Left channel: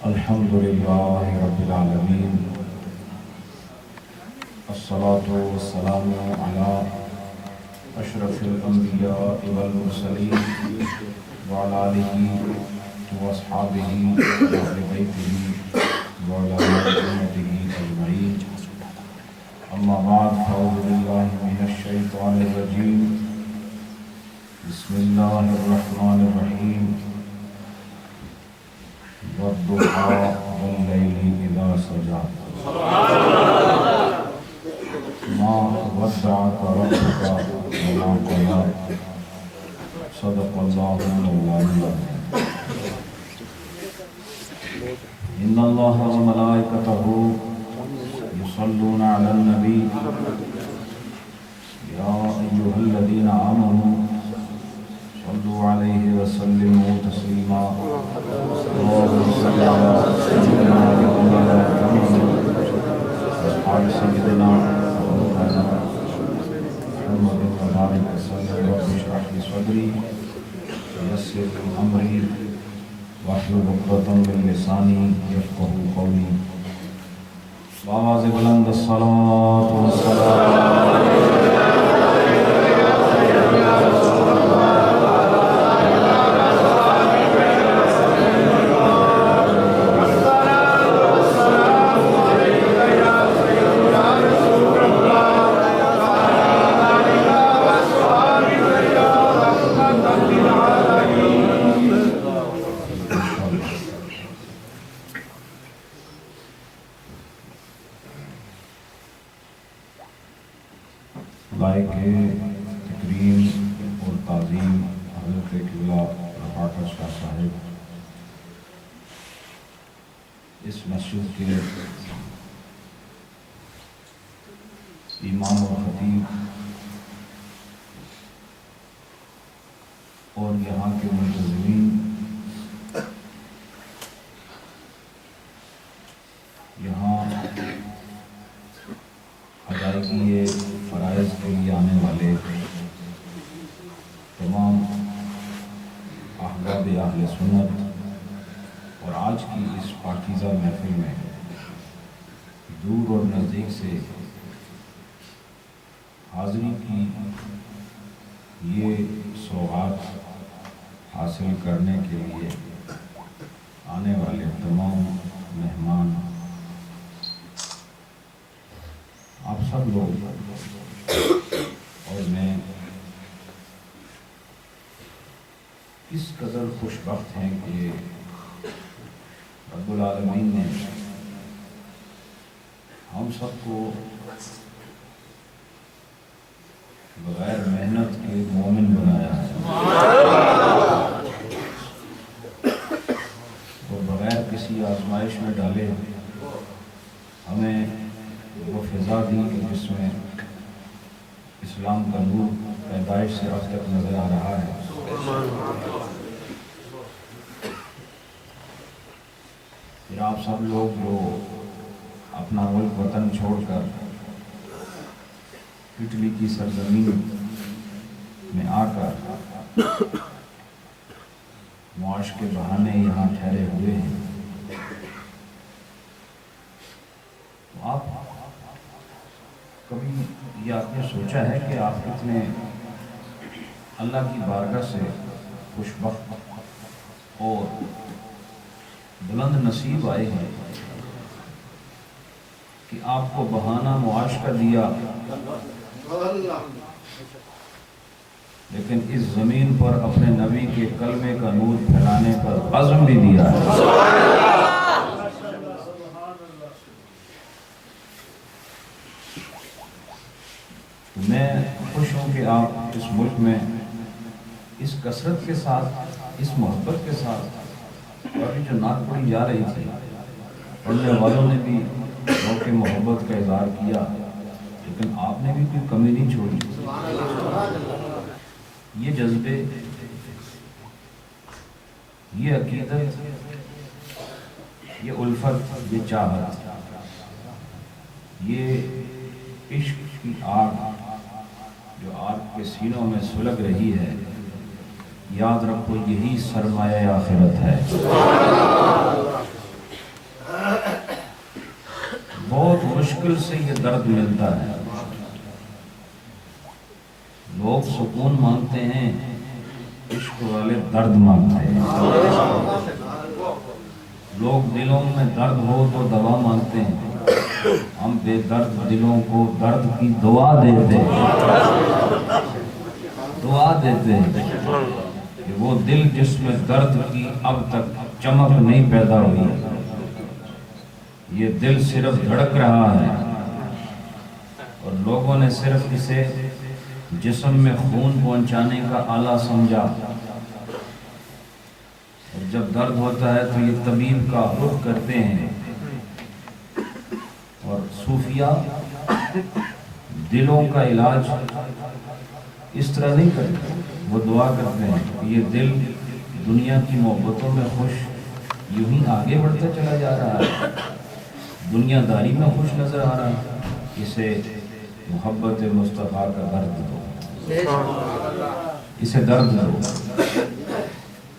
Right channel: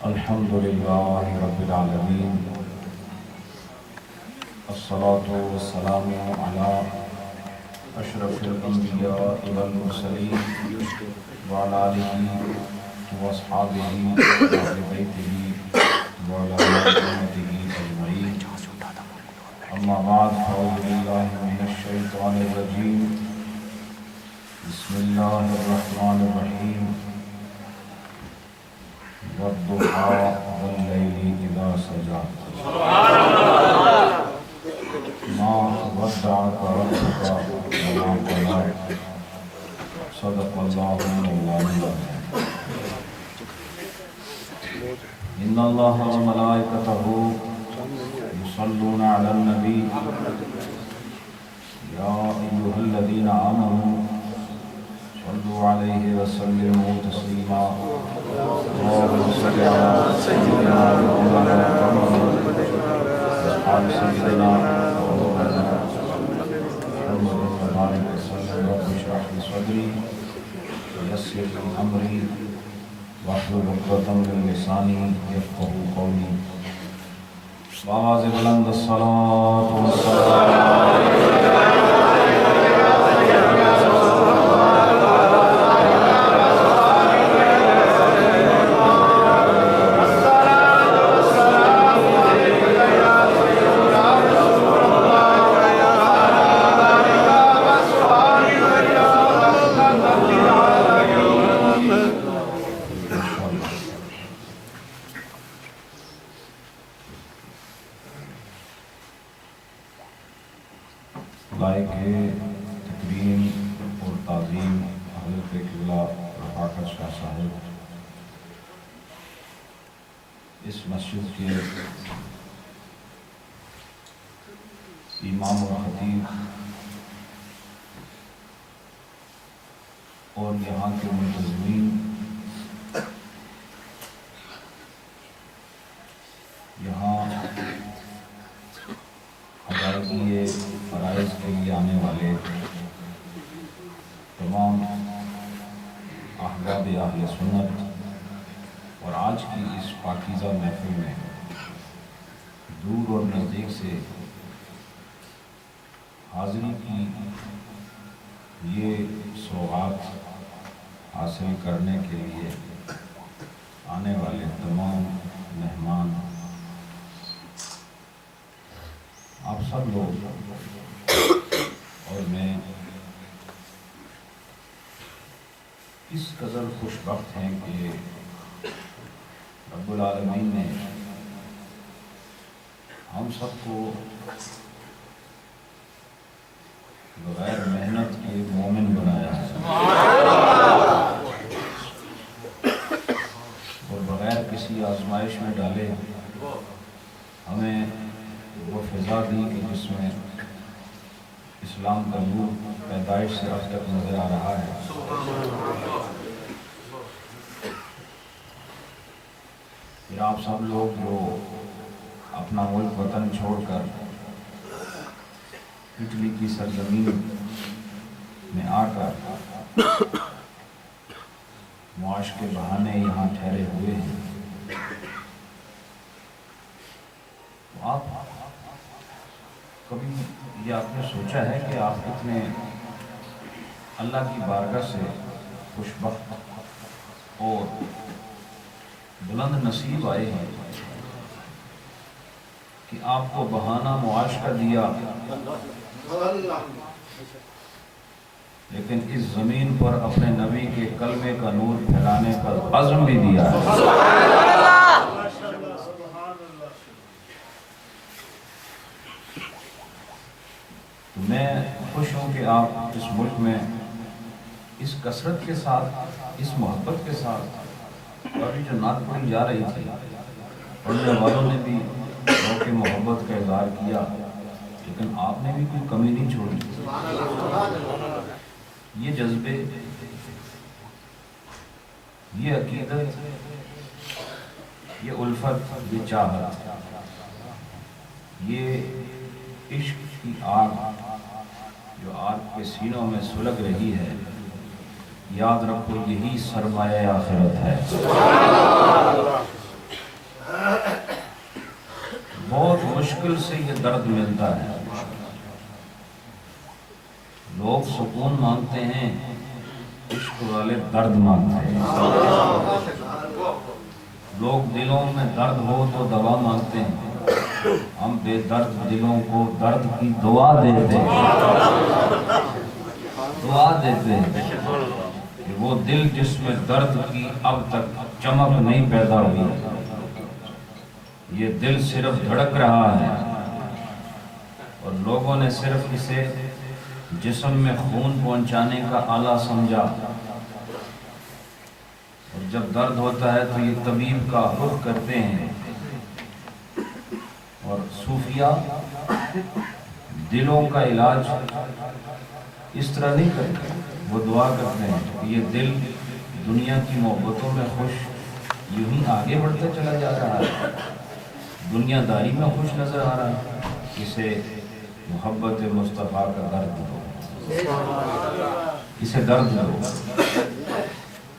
الحمدللہ رب العالمین، الصلاة والسلام علی اشرف الانبیاء والمرسلین وعلی آلہ واصحابہ واہل بیتہ وعلی امتہ اجمعین، اما بعد فاعوذ باللہ من الشیطان الرجیم، بسم اللہ الرحمن الرحیم، والضحى واللیل اذا سجى ما ودعك ربك وما قلى صدق اللہ مولانا العظیم۔ ان اللہ وملائکتہ یصلون علی النبی یا ایھا الذین آمنوا صلوا علیہ وسلموا تسلیما، اللهم صل علی سیدنا مولانا محمد وعلی سیدنا مولانا محمد وبارک وسلم، رب اشرح لی صدری ویسر لی امری واحلل عقدۃ من لسانی یفقهوا قولی۔ بآواز بلند الصلاۃ والسلام لائق تکریم اور تعظیم حضرت قبلہ رفاقت شاہ صاحب، اس مسجد کے امام و خطیب اور یہاں کے منتظمین، یہاں ادائیگی فرائض کے لیے آنے والے تمام احباب اہل سنت، اور آج کی اس پاکیزہ محفل میں دور اور نزدیک سے حاضری کی یہ سوغات حاصل کرنے کے لیے آنے والے تمام مہمان، آپ سب لوگ اور میں اس قدر خوش بخت ہیں کہ رب العالمین نے ہم سب کو بغیر محنت کے مومن بنایا ہے، اور بغیر کسی آزمائش میں ڈالے ہمیں وہ فضا دی کہ جس میں اسلام کا نور پیدائش سے اب تک نظر آ رہا ہے۔ پھر آپ سب لوگ جو اپنا ملک وطن چھوڑ کر اٹلی کی سرزمین میں آ کر معاش کے بہانے یہاں ٹھہرے ہوئے ہیں، تو آپ کبھی یہ آپ نے سوچا ہے کہ آپ کتنے اللہ کی بارگاہ سے خوش بخت اور بلند نصیب آئے ہیں کہ آپ کو بہانہ معاش کا دیا، لیکن اس زمین پر اپنے نبی کے کلمے کا نور پھیلانے پر عزم بھی دیا ہے۔ میں خوش ہوں کہ آپ اس ملک میں اس کثرت کے ساتھ، اس محبت کے ساتھ، اور جو نعت پڑھی جا رہی تھی پڑھنے والوں نے بھی شوق محبت کا اظہار کیا، لیکن آپ نے بھی کوئی کمی نہیں چھوڑی۔ یہ جذبے، یہ عقیدت، یہ الفت، یہ چاہت، یہ عشق کی آگ آپ کے سینوں میں سلگ رہی ہے، یاد رکھو یہی سرمایہ آخرت ہے۔ بہت مشکل سے یہ درد ملتا ہے۔ لوگ سکون مانگتے ہیں، عشق والے درد مانگتے ہیں۔ لوگ دلوں میں درد ہو تو دوا مانگتے ہیں، ہم بے درد دلوں کو درد کی دعا دیتے ہیں۔ دعا دیتے ہیں کہ وہ دل جس میں درد کی اب تک چمک نہیں پیدا ہوئی، یہ دل صرف دھڑک رہا ہے اور لوگوں نے صرف اسے جسم میں خون پہنچانے کا آلہ سمجھا، اور جب درد ہوتا ہے تو یہ طبیب کا رخ کرتے ہیں، اور صوفیہ دلوں کا علاج اس طرح نہیں کرتے، وہ دعا کرتے ہیں کہ یہ دل دنیا کی محبتوں میں خوش یوں ہی آگے بڑھتا چلا جا رہا ہے، دنیا داری میں خوش نظر آ رہا ہے، اسے محبت مصطفیٰ کا درد دو، اسے درد دو۔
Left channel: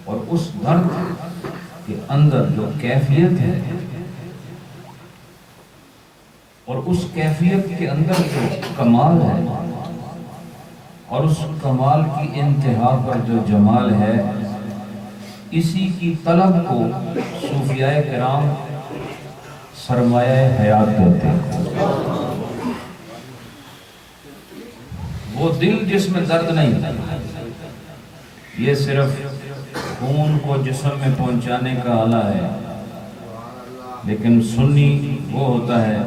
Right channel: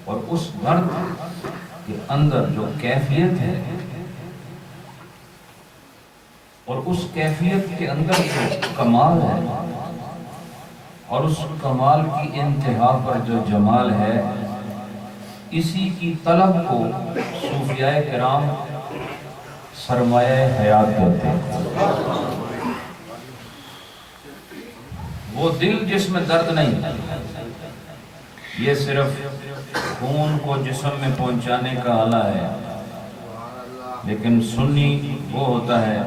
اور اس درد کے اندر جو کیفیت ہے، اور اس کیفیت کے اندر جو کمال ہے، اور اس کمال کی انتہا پر جو جمال ہے، اسی کی طلب کو صوفیاء کرام سرمایہ حیات کہتے ہیں۔ وہ دل جس میں درد نہیں، یہ صرف خون کو جسم میں پہنچانے کا آلہ ہے، لیکن سنی وہ ہوتا ہے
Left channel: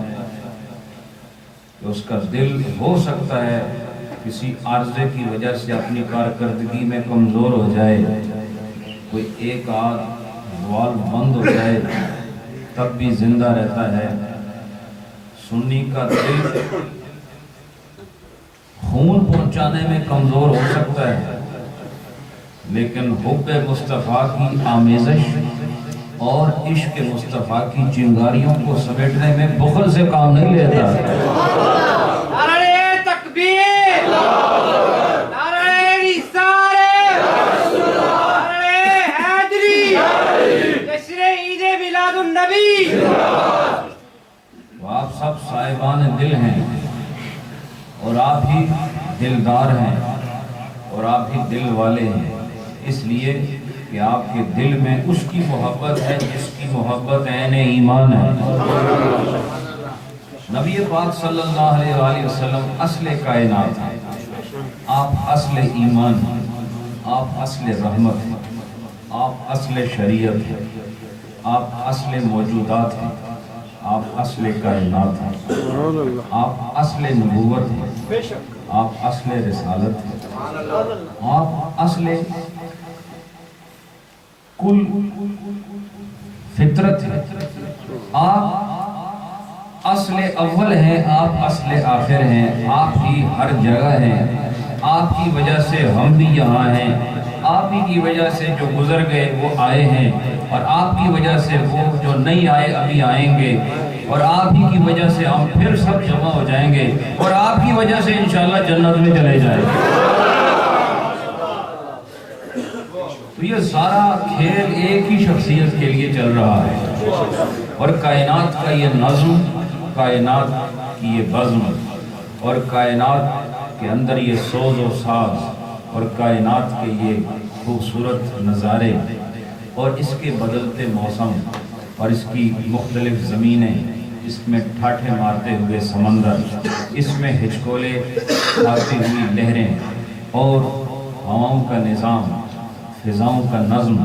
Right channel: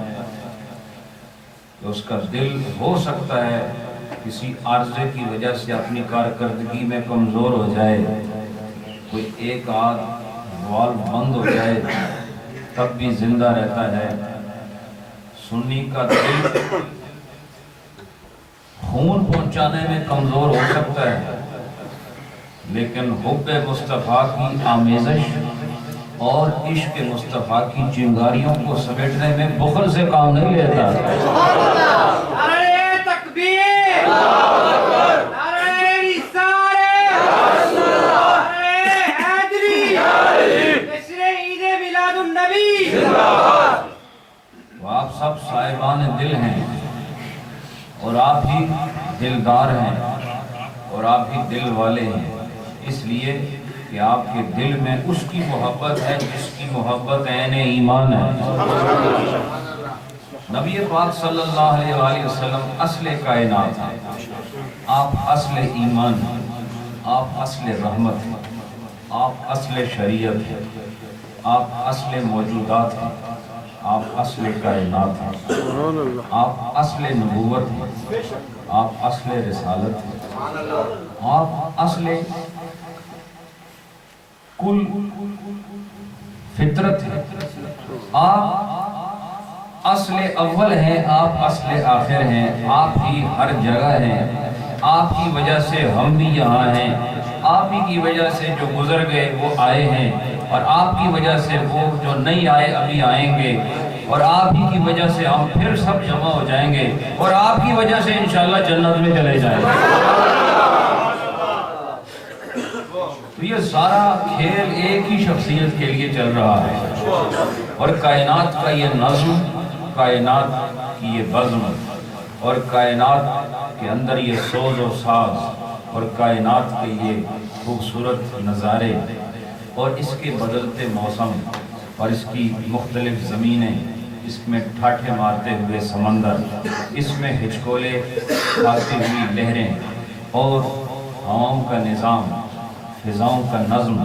کہ اس کا دل ہو سکتا ہے کسی عارضے کی وجہ سے اپنی کارکردگی میں کمزور ہو جائے، کوئی ایک آدھ والو بند ہو جائے تب بھی زندہ رہتا ہے۔ سنی کا دل خون پہنچانے میں کمزور ہو سکتا ہے، لیکن حب مصطفیٰ کی آمیزش اور عشق مصطفیٰ کی چنگاریوں کو سمیٹنے میں بخل سے کام نہیں لیتا۔ نعرہ تکبیر، نعرہ رسالت، نعرہ حیدری، جشن عید میلاد النبی۔ وہ آپ سب صاحبان دل ہیں، اور آپ ہی دلدار ہیں، اور آپ ہی دل والے ہیں، اس لیے کہ آپ کے دل میں اس کی محبت ہے جس کی محبت عین ایمان ہے۔ نبی پاک صلی اللہ علیہ وآلہ وسلم اصل کائنات ہیں، آپ اصل ایمان ہیں، آپ اصل رحمت ہیں، آپ اصل شریعت ہیں، آپ اصل موجودات ہیں، آپ اصل کائنات ہیں، آپ اصل نبوت ہیں، آپ اصل رسالت ہیں، آپ اصل کل فطرت ہے، آپ اصل اول ہیں، آپ اصل آخر ہیں، آپ ہی ہر جگہ ہیں، آپ کی وجہ سے ہم بھی یہاں ہیں، آپ ہی کی وجہ سے جو گزر گئے وہ آئے ہیں، اور آپ کی وجہ سے وہ جو نہیں آئے ابھی آئیں گے، اور آپ ہی کی وجہ سے ہم پھر سب جمع ہو جائیں گے، اور آپ کی وجہ سے انشاءاللہ جنت میں چلے جائیں گے۔ تو یہ سارا کھیل ایک ہی شخصیت کے لیے چل رہا ہے، اور کائنات کا یہ نظم، کائنات کی یہ بزم، اور کائنات کے اندر یہ سوز و ساز، اور کائنات کے یہ خوبصورت نظارے، اور اس کے بدلتے موسم، اور اس کی مختلف زمینیں، اس میں ٹھاٹھے مارتے ہوئے سمندر، اس میں ہچکولے کھاتی ہوئی لہریں، اور ہواؤں کا نظام، فضاؤں کا نظم،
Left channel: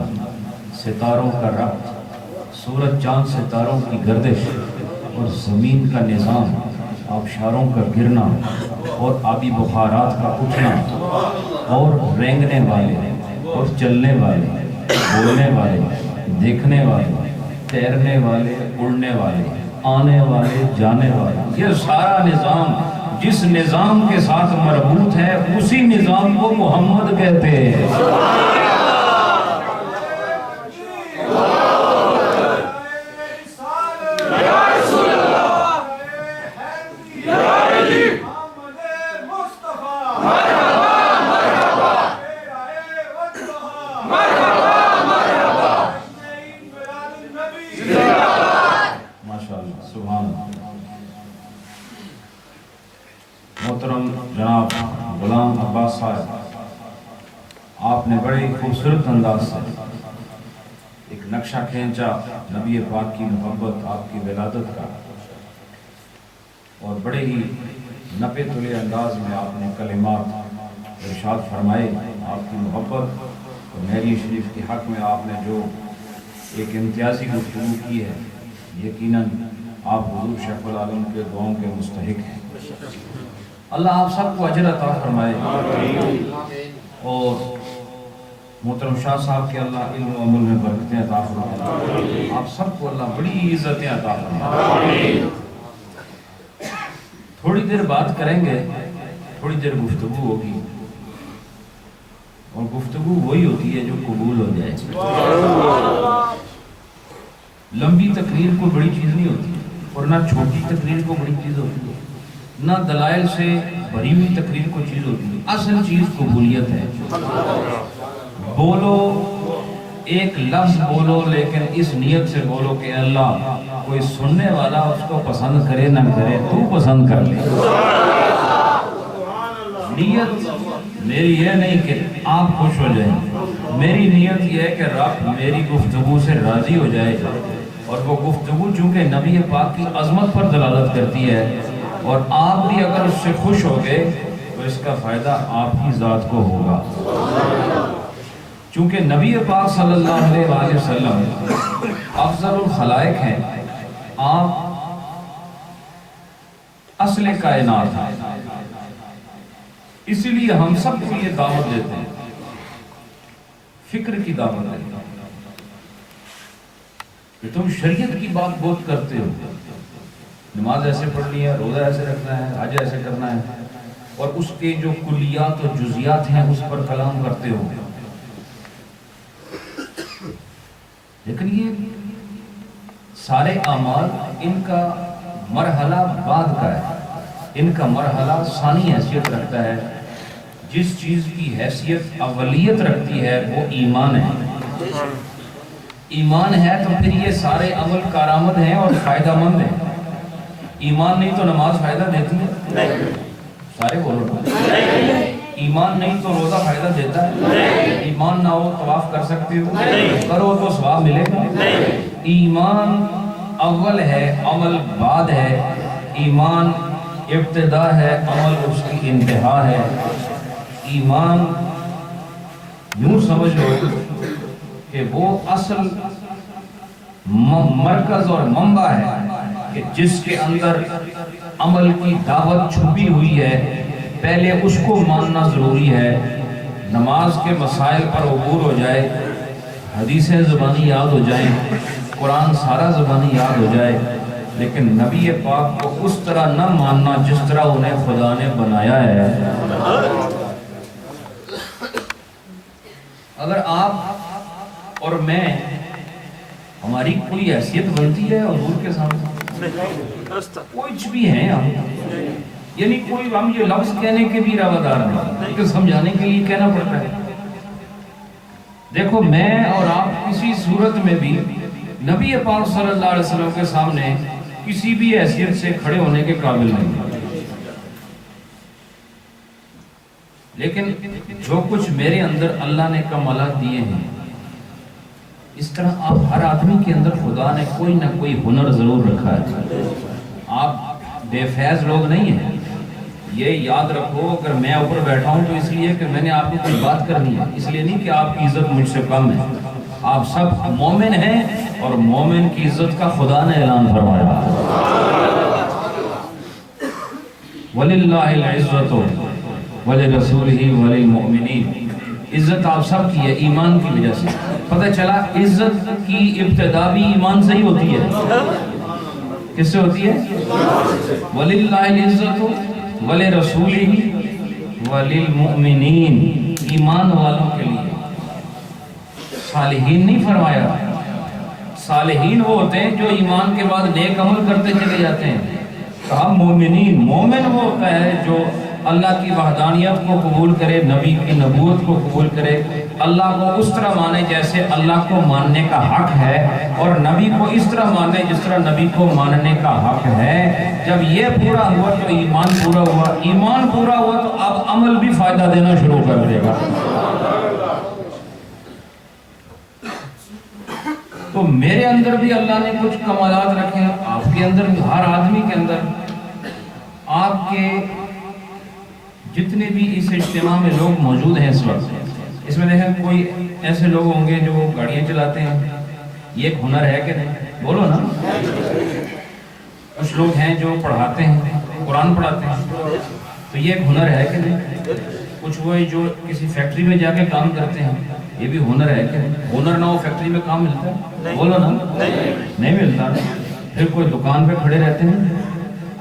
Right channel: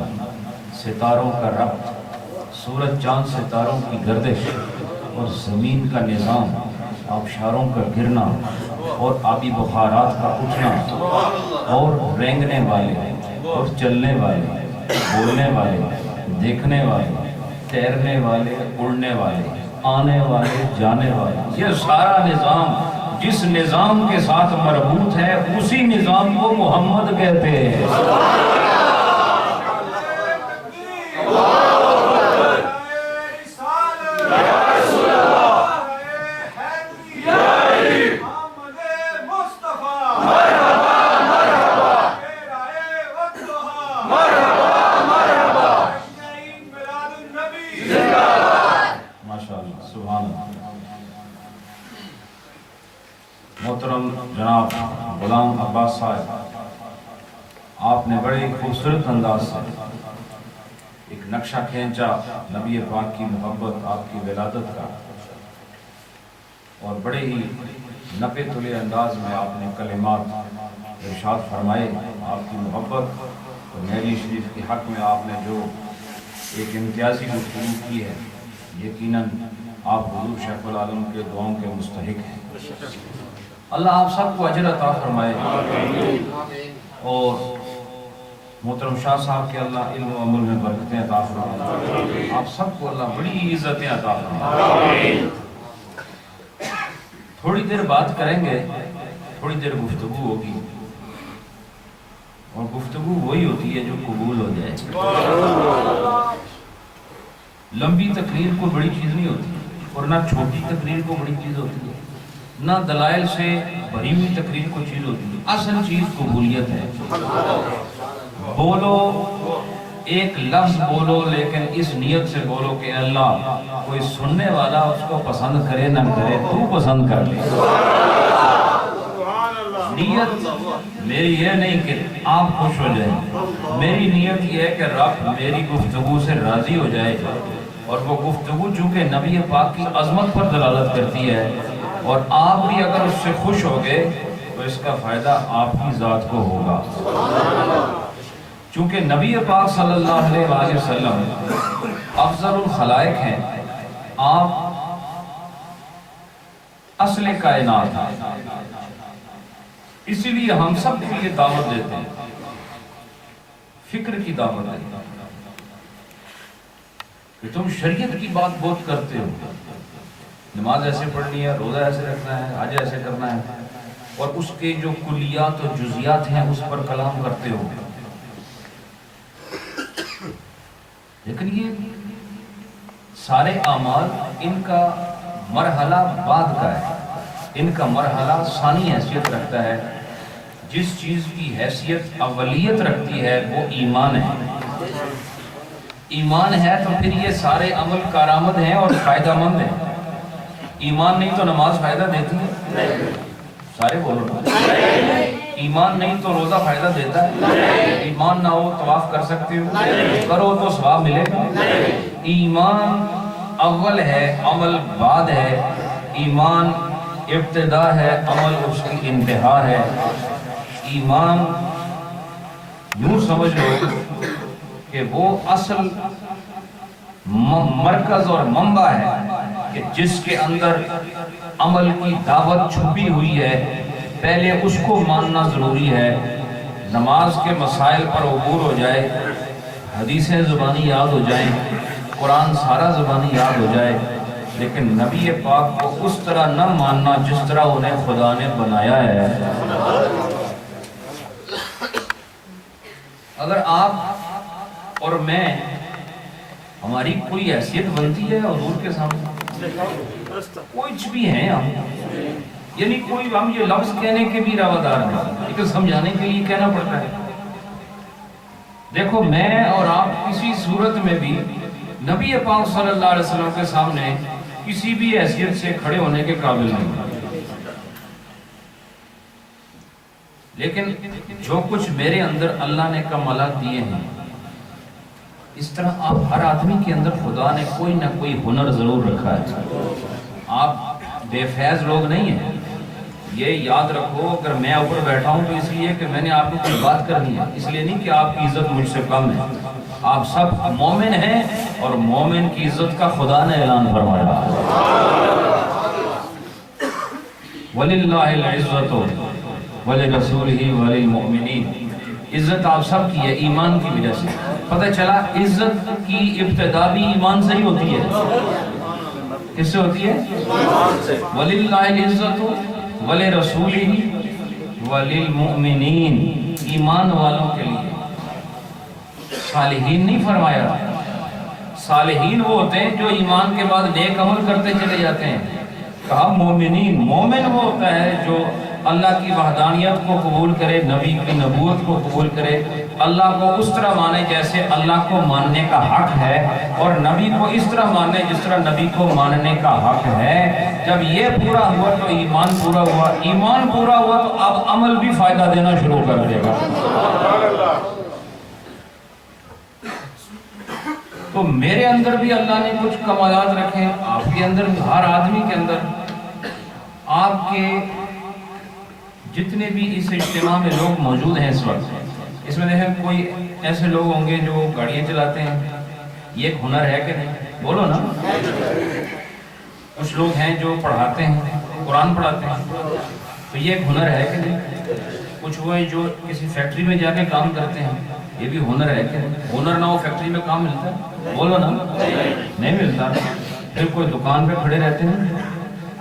ستاروں کا ربط، سورج چاند ستاروں کی گردش، اور زمین کا نظام، آبشاروں کا گرنا، اور آبی بخارات کا اٹھنا، اور رینگنے والے، اور چلنے والے، بولنے والے، دیکھنے والے، تیرنے والے، اڑنے والے، آنے والے، جانے والے، یہ سارا نظام جس نظام کے ساتھ مربوط ہے اسی نظام کو محمد کہتے ہیں۔ نعرہ محترم جناب غلام عباس صاحب، آپ نے بڑے خوبصورت انداز سے ایک نقشہ کھینچا نبی پاک کی محبت، آپ کی ولادت کا، اور بڑے ہی نپے تلے انداز میں آپ نے کلمات ارشاد فرمائے۔ آپ کی محبت اور نبی شریف کے حق میں آپ نے جو ایک امتیازی گفتگو کی ہے، یقیناً آپ حضور شیخ العالم کے دعاؤں کے مستحق ہیں۔ اللہ آپ سب کو اجر عطا فرمائے، اور محترم شاہ صاحب کے اللہ علم و عمل میں برکتیں عطا فرمائے، آپ سب کو اللہ بڑی عزتیں عطا فرمائے۔ تھوڑی دیر بات کریں گے، تھوڑی دیر گفتگو ہوگی، اور گفتگو وہی ہوتی ہے جو قبول ہو جائے۔ لمبی تقریر کو بڑی چیز نہیں ہوتی، اور نہ چھوٹی تقریر کو بڑی چیز ہوتی ہے، نہ دلائل سے بھری ہوئی تقریر کو چیز ہوتی ہے۔ اصل چیز قبولیت ہے۔ بولو، ایک لفظ بولو، لیکن اس نیت سے بولو کہ اللہ کوئی سننے والا اس کو پسند کرے نہ کرے، تو پسند کر لے۔ نیت میری یہ نہیں کہ آپ خوش ہو جائیں، میری نیت یہ ہے کہ رب میری گفتگو سے راضی ہو جائے، اور وہ گفتگو چونکہ نبی پاک کی عظمت پر دلالت کرتی ہے، اور آپ بھی اگر اس سے خوش ہو گئے تو اس کا فائدہ آپ کی ذات کو ہوگا۔ چونکہ نبی پاک صلی اللہ علیہ وآلہ وسلم افضل الخلائق ہیں، آپ اصل کائنات ہیں، اسی لیے ہم سب کو یہ دعوت دیتے ہیں، فکر کی دعوت دیتے ہیں کہ تم شریعت کی بات بہت کرتے ہو، نماز ایسے پڑھنی ہے، روزہ ایسے رکھنا ہے، حج ایسے کرنا ہے، اور اس کے جو کلیات و جزیات ہیں اس پر کلام کرتے ہو، لیکن یہ سارے اعمال ان کا مرحلہ بعد کا ہے، ان کا مرحلہ ثانی حیثیت رکھتا ہے۔ جس چیز کی حیثیت اولیت رکھتی ہے وہ ایمان ہے۔ ایمان ہے تو پھر یہ سارے عمل کارآمد ہیں اور فائدہ مند ہیں۔ ایمان نہیں تو نماز فائدہ دیتی ہے؟ سارے بولو۔ ایمان نہیں تو روزہ فائدہ دیتا ہے؟ ایمان نہ ہو طواف کر سکتے ہو؟ کرو تو ثواب ملے گا؟ ایمان اول ہے، عمل بعد ہے۔ ایمان ابتدا ہے، عمل اس کی انتہا ہے۔ ایمان یوں سمجھ لو کہ وہ اصل مرکز اور منبع ہے کہ جس کے اندر عمل کی دعوت چھپی ہوئی ہے، پہلے اس کو ماننا ضروری ہے۔ نماز کے مسائل پر عبور ہو جائے، حدیثیں زبانی یاد ہو جائیں، قرآن سارا زبانی یاد ہو جائے، لیکن نبی پاک کو اس طرح نہ ماننا جس طرح انہیں خدا نے بنایا ہے۔ اگر آپ اور میں، ہماری کوئی حیثیت بنتی ہے حضور کے سامنے؟ کچھ بھی ہیں ہم، یعنی کوئی ہم یہ لفظ کہنے کے بھی روادار نہیں، لیکن سمجھانے کے لیے کہنا پڑتا ہے۔ دیکھو میں اور آپ کسی صورت میں بھی نبی پاک صلی اللہ علیہ وسلم کے سامنے کسی بھی حیثیت سے کھڑے ہونے کے قابل نہیں، لیکن جو کچھ میرے اندر اللہ نے کمالات دیے ہیں، اس طرح آپ ہر آدمی کے اندر خدا نے کوئی نہ کوئی ہنر ضرور رکھا ہے۔ آپ بے فیض لوگ نہیں ہیں، یہ یاد رکھو۔ اگر میں اوپر بیٹھا ہوں تو اس لیے کہ میں نے آپ کو کوئی بات کرنی ہے، اس لیے نہیں کہ آپ کی عزت مجھ سے کم ہے۔ آپ سب مومن ہیں، اور مومن کی عزت کا خدا نے اعلان فرمایا، وَلِلَّهِ الْعِزَّةُ وَلِرَسُولِهِ وَلِلْمُؤْمِنِينَ۔ عزت آپ سب کی ہے ایمان کی وجہ سے۔ پتہ چلا عزت کی ابتدا بھی ایمان سے ہی ہوتی ہے۔ کس سے ہوتی ہے؟ وَلِلَّهِ الْعِزَّةُ وَلِرَسُولِهِ وَلِلْمُؤْمِنِينَ، ایمان والوں کے لیے۔ صالحین نہیں فرمایا، صالحین وہ ہوتے ہیں جو ایمان کے بعد نیک عمل کرتے چلے جاتے ہیں۔ کہا مومنین، مومن وہ ہوتا ہے جو اللہ کی وحدانیت کو قبول کرے، نبی کی نبوت کو قبول کرے، اللہ کو اس طرح مانے جیسے اللہ کو ماننے کا حق ہے، اور نبی کو اس طرح مانے جس طرح نبی کو ماننے کا حق ہے۔ جب یہ پورا ہوا تو ایمان پورا ہوا، ایمان پورا ہوا تو اب عمل بھی فائدہ دینا شروع کر دے گا۔ تو میرے اندر بھی اللہ نے کچھ کمالات رکھے ہیں، آپ کے اندر بھی، ہر آدمی کے اندر۔ آپ کے جتنے بھی اس اجتماع میں لوگ موجود ہیں اس وقت، اس میں دیکھیں کوئی ایسے لوگ ہوں گے جو گاڑیاں چلاتے ہیں، یہ ایک ہنر ہے کہ نہیں؟ بولو نا۔ کچھ لوگ ہیں جو پڑھاتے ہیں، قرآن پڑھاتے ہیں، تو یہ ایک ہنر ہے کہ نہیں؟ کچھ وہ جو کسی فیکٹری میں جا کے کام کرتے ہیں، یہ بھی ہنر ہے کہ ہنر نہ ہو فیکٹری میں کام ملتا ہے؟ بولو نا، نہیں ملتا۔ پھر کوئی دکان پہ کھڑے رہتے ہیں،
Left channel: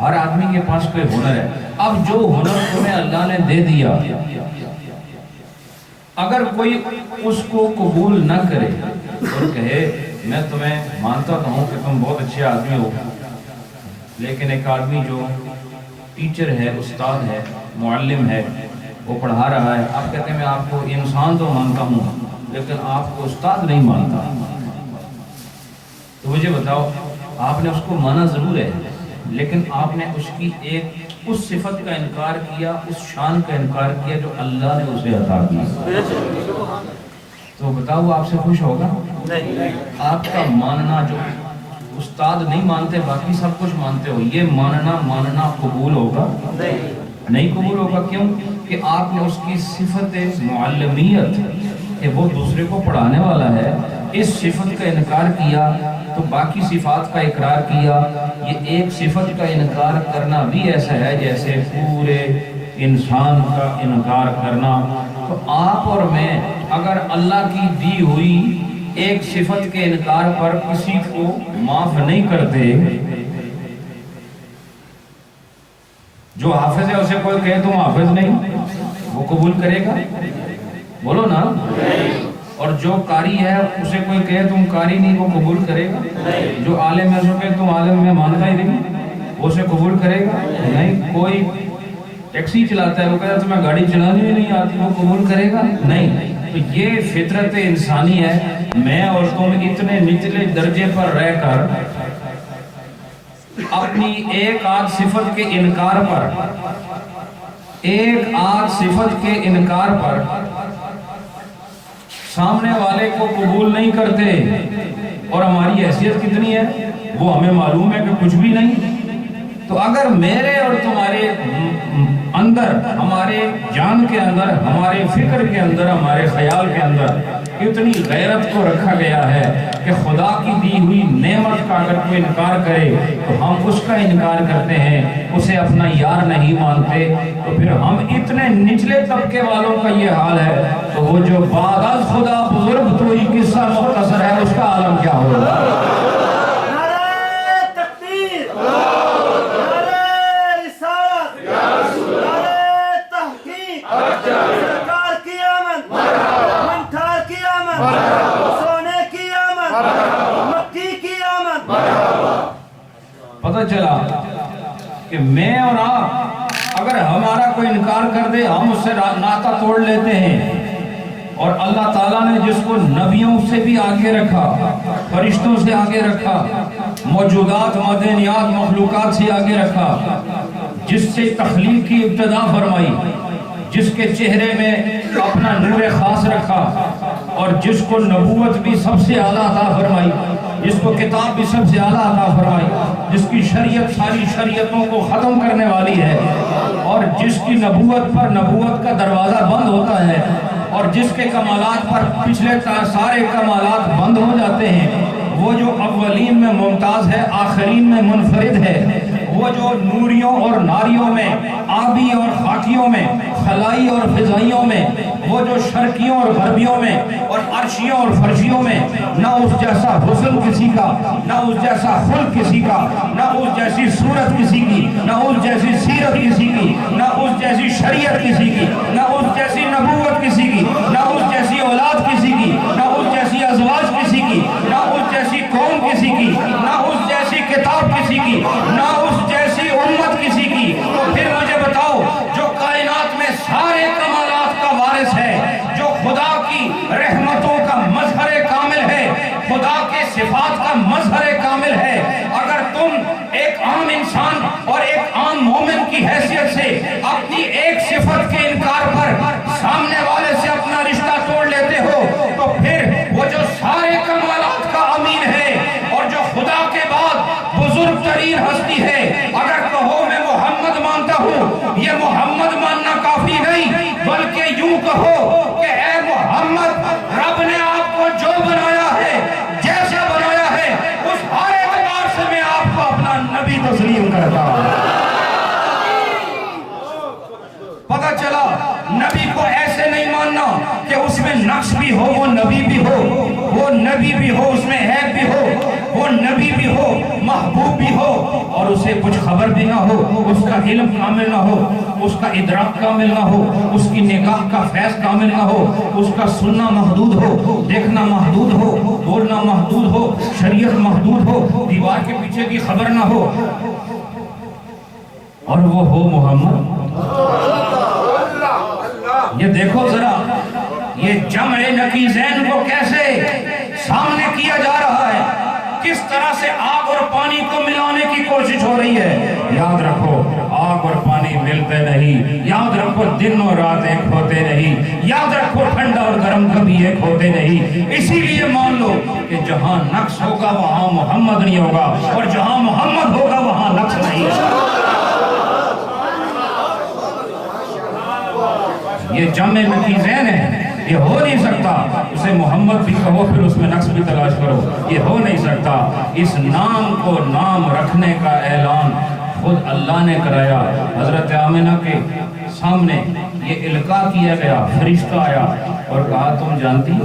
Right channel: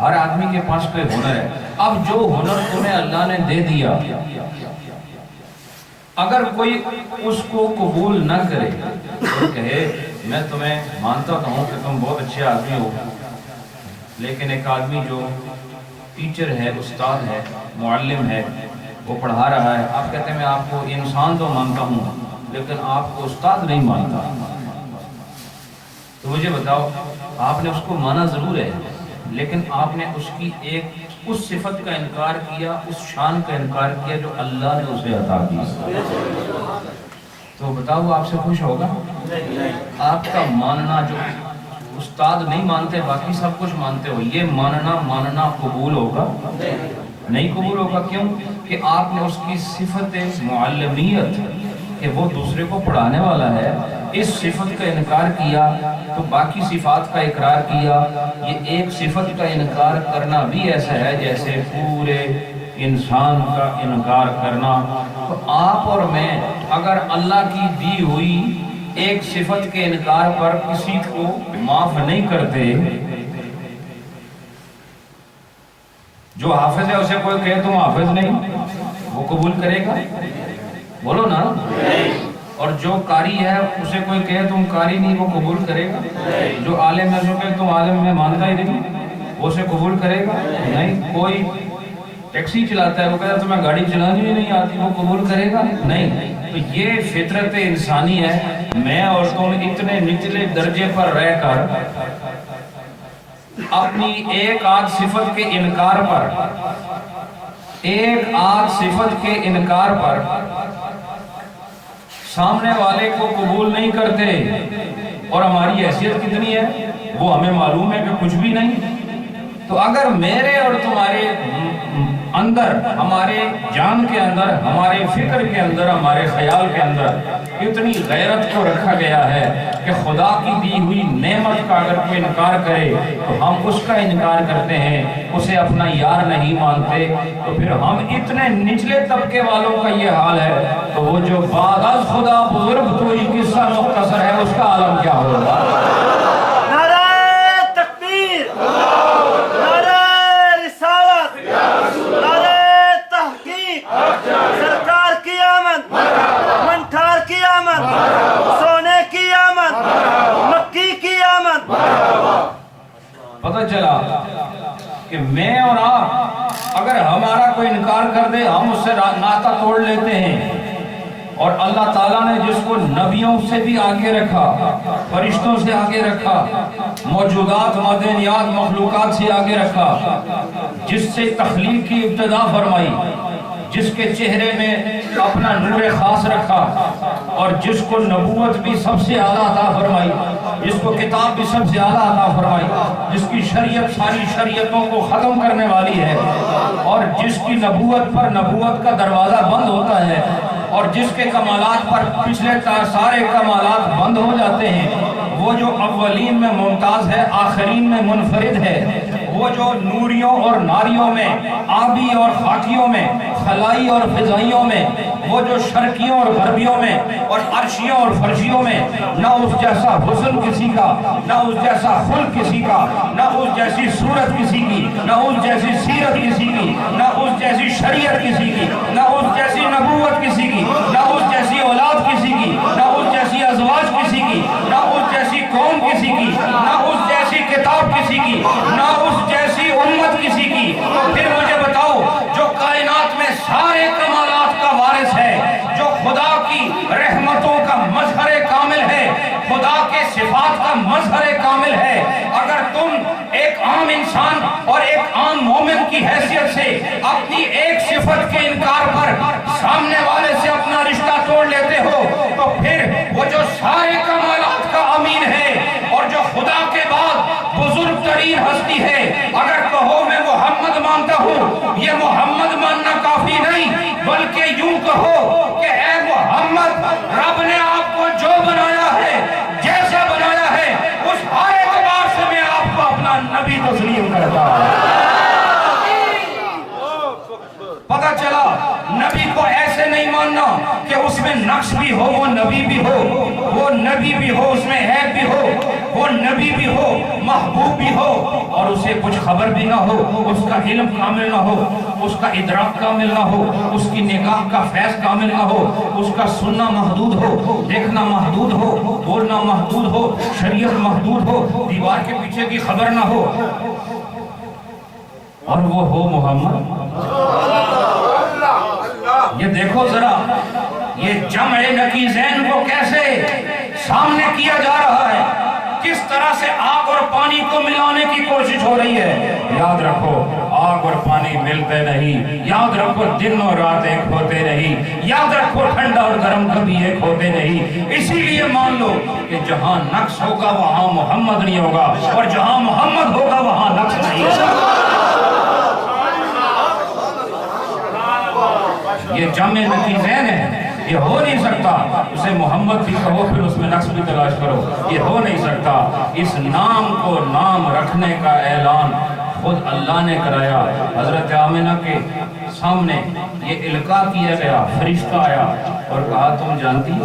ہر آدمی کے پاس کوئی ہنر ہے۔ اب جو ہنر تمہیں اللہ نے دے دیا، اگر کوئی اس کو قبول نہ کرے اور کہے میں تمہیں مانتا ہوں کہ تم بہت اچھے آدمی ہو، لیکن ایک آدمی جو ٹیچر ہے، استاد ہے، معلم ہے، وہ پڑھا رہا ہے، آپ کہتے ہیں میں آپ کو انسان تو مانتا ہوں لیکن آپ کو استاد نہیں مانتا، تو مجھے بتاؤ آپ نے اس کو مانا ضرور ہے، لیکن آپ نے اس کی اس صفت کا انکار کیا، اس شان کا انکار کیا جو اللہ نے اسے عطا کی۔ تو بتاؤ آپ سے خوش ہوگا؟ آپ کا ماننا جو استاد نہیں مانتے باقی سب کچھ مانتے ہو، یہ ماننا قبول ہوگا؟ نہیں قبول ہوگا۔ کیوں؟ کہ آپ نے اس کی صفت معلمیت کہ وہ دوسرے کو پڑھانے والا ہے، اس صفت کا انکار کیا تو باقی صفات کا اقرار کیا۔ یہ ایک صفت کا انکار کرنا بھی ایسا ہے جیسے پورے انسان کا انکار کرنا۔ تو آپ اور میں اگر اللہ کی دی ہوئی ایک صفت کے انکار پر کسی کو معاف نہیں کرتے، جو حافظ ہے اسے کوئی کہے تم حافظ نہیں، وہ قبول کرے گا؟ بولو نا۔ اور جو قاری ہے اسے کوئی کہے تم قاری نہیں، وہ قبول کرے گا؟ جو عالم ہے اسے کہے تم عالم میں مانتا ہی نہیں، وہ اسے قبول کرے گا؟ نہیں۔ کوئی ٹیکسی چلاتا ہے، وہ کہتا ہے تمہیں گاڑی چلانی بھی نہیں آتی، وہ قبول کرے گا؟ نہیں۔ تو یہ فطرت انسانی ہے۔ میں اور تم اتنے نچلے درجے پر رہ کر اپنی ایک آدھ صفت کے انکار پر سامنے والے کو قبول نہیں کرتے، اور ہماری حیثیت کتنی ہے وہ ہمیں معلوم ہے کہ کچھ بھی نہیں۔ تو اگر میرے اور تمہارے اندر، ہمارے جان کے اندر، ہمارے فکر کے اندر، ہمارے خیال کے اندر اتنی غیرت کو رکھا گیا ہے کہ خدا کی دی ہوئی نعمت کا اگر کوئی انکار کرے تو ہم اس کا انکار کرتے ہیں، اسے اپنا یار نہیں مانتے، تو پھر ہم اتنے نچلے طبقے والوں کا یہ حال ہے، تو وہ جو بعد از خدا بزرگ تو ہی قصہ مختصر ہے، اس کا عالم کیا ہوگا؟ سرکار کی آمد، منٹھار کی آمد، سونے کی آمد، مکی کی آمد۔ پتہ چلا کہ میں اور آپ اگر ہمارا کوئی انکار کر دے ہم اس سے ناطہ توڑ لیتے ہیں، اور اللہ تعالیٰ نے جس کو نبیوں سے بھی آگے رکھا، فرشتوں سے آگے رکھا، موجودات، معدنیات، مخلوقات سے آگے رکھا، جس سے تخلیق کی ابتدا فرمائی، جس کے چہرے میں اپنا نور خاص رکھا، اور جس کو نبوت بھی سب سے اعلیٰ عطا فرمائی، جس کو کتاب بھی سب سے اعلیٰ عطا فرمائی، جس کی شریعت ساری شریعتوں کو ختم کرنے والی ہے، اور جس کی نبوت پر نبوت کا دروازہ بند ہوتا ہے، اور جس کے کمالات پر پچھلے سارے کمالات بند ہو جاتے ہیں، وہ جو اولین میں ممتاز ہے، آخرین میں منفرد ہے، وہ جو نوریوں اور ناریوں میں، آبی اور خاکیوں میں، خلائی اور فضائیوں میں، وہ جو شرقیوں اور غربیوں میں، اور عرشیوں اور فرشیوں میں، نہ اس جیسا حسن کسی کا، نہ اس جیسا خلق کسی کا، نہ اس جیسی صورت کسی کی، نہ اس جیسی سیرت کسی کی، نہ اس جیسی شریعت کسی کی، نہ اس جیسی نبوت کسی کی، نہ اس جیسی اولاد کسی کی، نہ اس جیسی ازواج کسی کی، نہ اس جیسی قوم کسی کی، نہ اس جیسی کتاب کسی کی، نہ اس جیسی امت کسی کی۔ تو پھر مجھے بتاؤ جو اپنی حیثیت سے اپنی ایک صفت کے انکار پر سامنے والے سے اپنا رشتہ توڑ لیتے ہو تو پھر وہ جو سارے کمالات کا امین ہے اور جو خدا کے بعد بزرگ ترین ہستی ہے، اگر کہو میں محمد مانتا ہوں، یہ محمد ماننا کافی نہیں، بلکہ یوں کہو کہ اے محمد، رب نے آپ کو جو بنایا ہے، جیسا بنایا ہے، اس ہر اعتبار سے میں آپ کو اپنا نبی تسلیم کرتا ہوں۔ پتہ چلا نبی کو ایسے نہیں ماننا کہ اس میں نقص بھی ہو، وہ نبی بھی ہو، وہ نبی بھی ہو، اس میں عیب بھی ہو، وہ نبی بھی ہو، محبوب بھی ہو، اور اسے کچھ خبر بھی نہ ہو، اس کا علم کامل نہ ہو، اس کا ادراک کامل نہ ہو، اس کی نگاہ کا فیض کامل نہ ہو، اس کا سننا محدود ہو، دیکھنا محدود ہو، بولنا محدود ہو، شریعت محدود ہو، دیوار کے پیچھے کی خبر نہ ہو، اور وہ ہو محمد۔ یہ دیکھو ذرا یہ جمع نقیضین کو کیسے سامنے کیا جا رہا ہے، کس طرح سے آگ اور پانی کو ملانے کی کوشش ہو رہی ہے۔ یاد رکھو آگ اور پانی ملتے نہیں، یاد رکھو دن اور رات ایک ہوتے نہیں، یاد رکھو ٹھنڈا اور گرم کبھی ایک ہوتے نہیں۔ اسی لیے مان لو کہ جہاں نقص ہوگا وہاں محمد نہیں ہوگا، اور جہاں محمد ہوگا وہاں نقص نہیں ہوگا۔ یہ جمع نقیضین ہے، یہ ہو نہیں سکتا۔ اسے محمد بھی کہو پھر اس میں نقص بھی تلاش کرو، یہ ہو نہیں سکتا۔ اس نام کو نام رکھنے کا اعلان خود اللہ نے کرایا۔ حضرت آمنہ کے سامنے یہ القاء کیا گیا، فرشتہ آیا اور کہا تم جانتی ہو،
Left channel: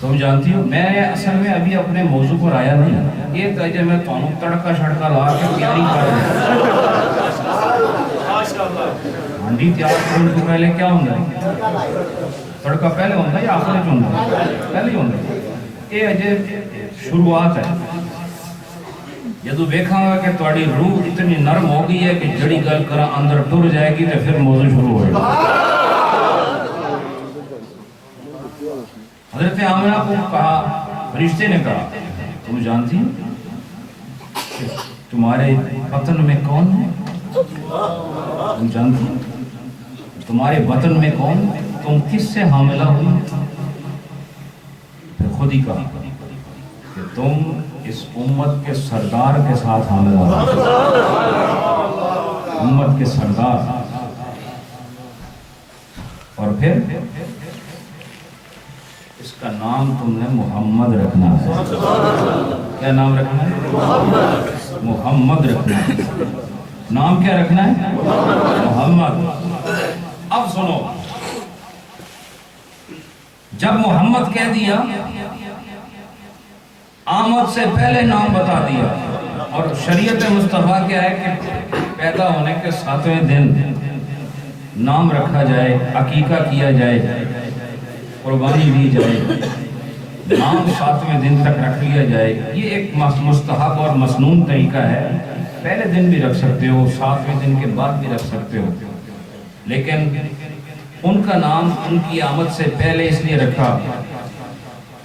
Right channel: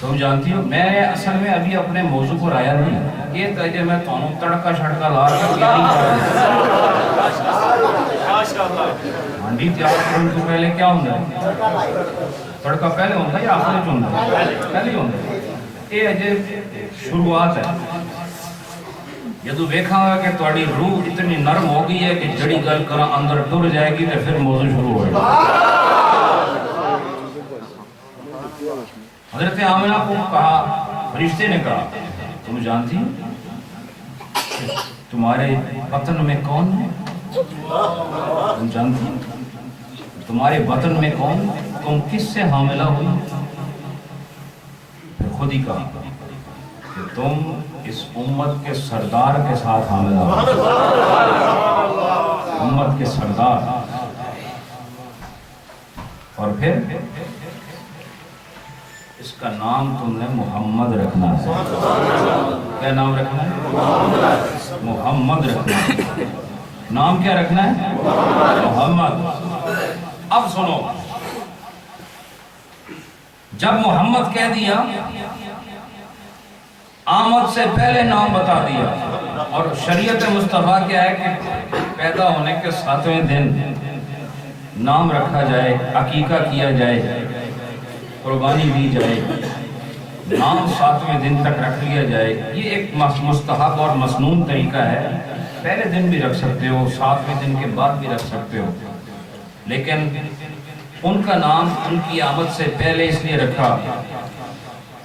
تم جانتی ہو، میں اصل میں ابھی اپنے موضوع پر آیا نہیں، یہ تجھے میں تانوں تڑکا شڑکا لا کے تیاری کر رہا ہانڈی تیار کرنے سے پہلے کیا ہوندہ ہے؟ تڑکا پہلے ہوندہ ہے یا آخری جو ہوندہ ہے؟ پہلے ہی ہوندہ ہے۔ یہ اجے شروعات ہے۔ یہ تو دیکھا گا کہ تواڈی روح اتنی نرم ہو گئی ہے کہ جڑی گل کرا اندر ٹر جائے گی تو پھر موضوع شروع ہو گا۔ حضرت آمنہ کو کہا، فرشتے نے کہا تم جانتی ہو تمہارے بطن میں کون ہے؟ تم جانتی ہو تمہارے بطن میں کون، تم کس سے حاملہ ہوئی؟ پھر خود ہی کہا کہ تم اس امت کے سردار کے ساتھ حاملہ ہوئی، امت کے سردار۔ اور پھر اس کا نام تم نے محمد رکھنا ہے۔ کیا نام رکھنا ہے؟ محمد رکھنا ہے۔ نام کیا رکھنا ہے؟ محمد۔ اب سنو، جب محمد کہہ دیا، آمد سے پہلے نام بتا دیا، اور شریعت مصطفیٰ کیا ہے کہ پیدا ہونے کے 7ویں دن نام رکھا جائے، عقیقہ کیا جائے، قربانی دی جائے، نام 7ویں دن تک رکھ لیا جائے۔ یہ ایک مستحب اور مسنون طریقہ ہے، پہلے دن بھی رکھ سکتے ہو، 7ویں دن کے بعد بھی رکھ سکتے ہو، لیکن ان کا نام ان کی آمد سے پہلے اس لیے رکھا